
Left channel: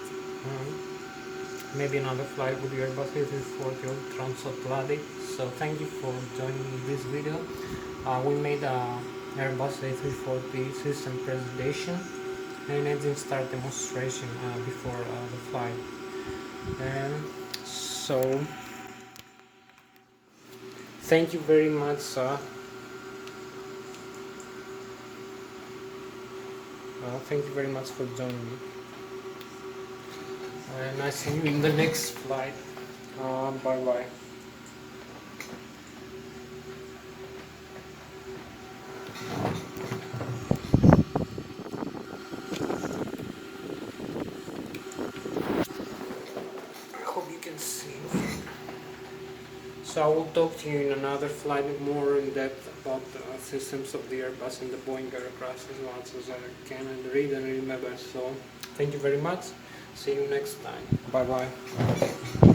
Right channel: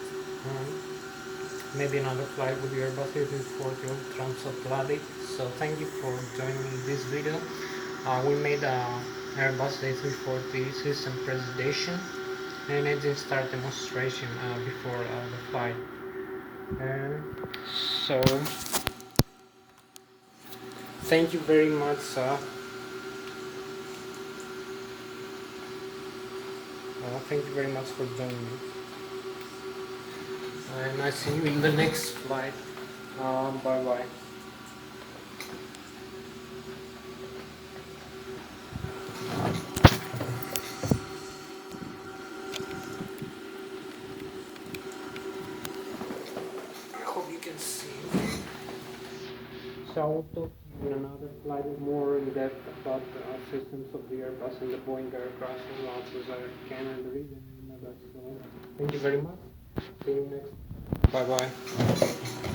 Maybe another flight with the Airbus A340 or transatlantic. So thank you for joining this video. We made a Airbus A340 system presentation and engine start demonstration before the flight. So thank you very much. Thank you very much for joining me. And I see you in the next flight. Bye bye. I hope you can see. So I will talk to you in another flight more in depth about the systems of the Airbus and the Boeing aircraft as much as I can read and remember. So thank you very much. See you next time. Bye bye.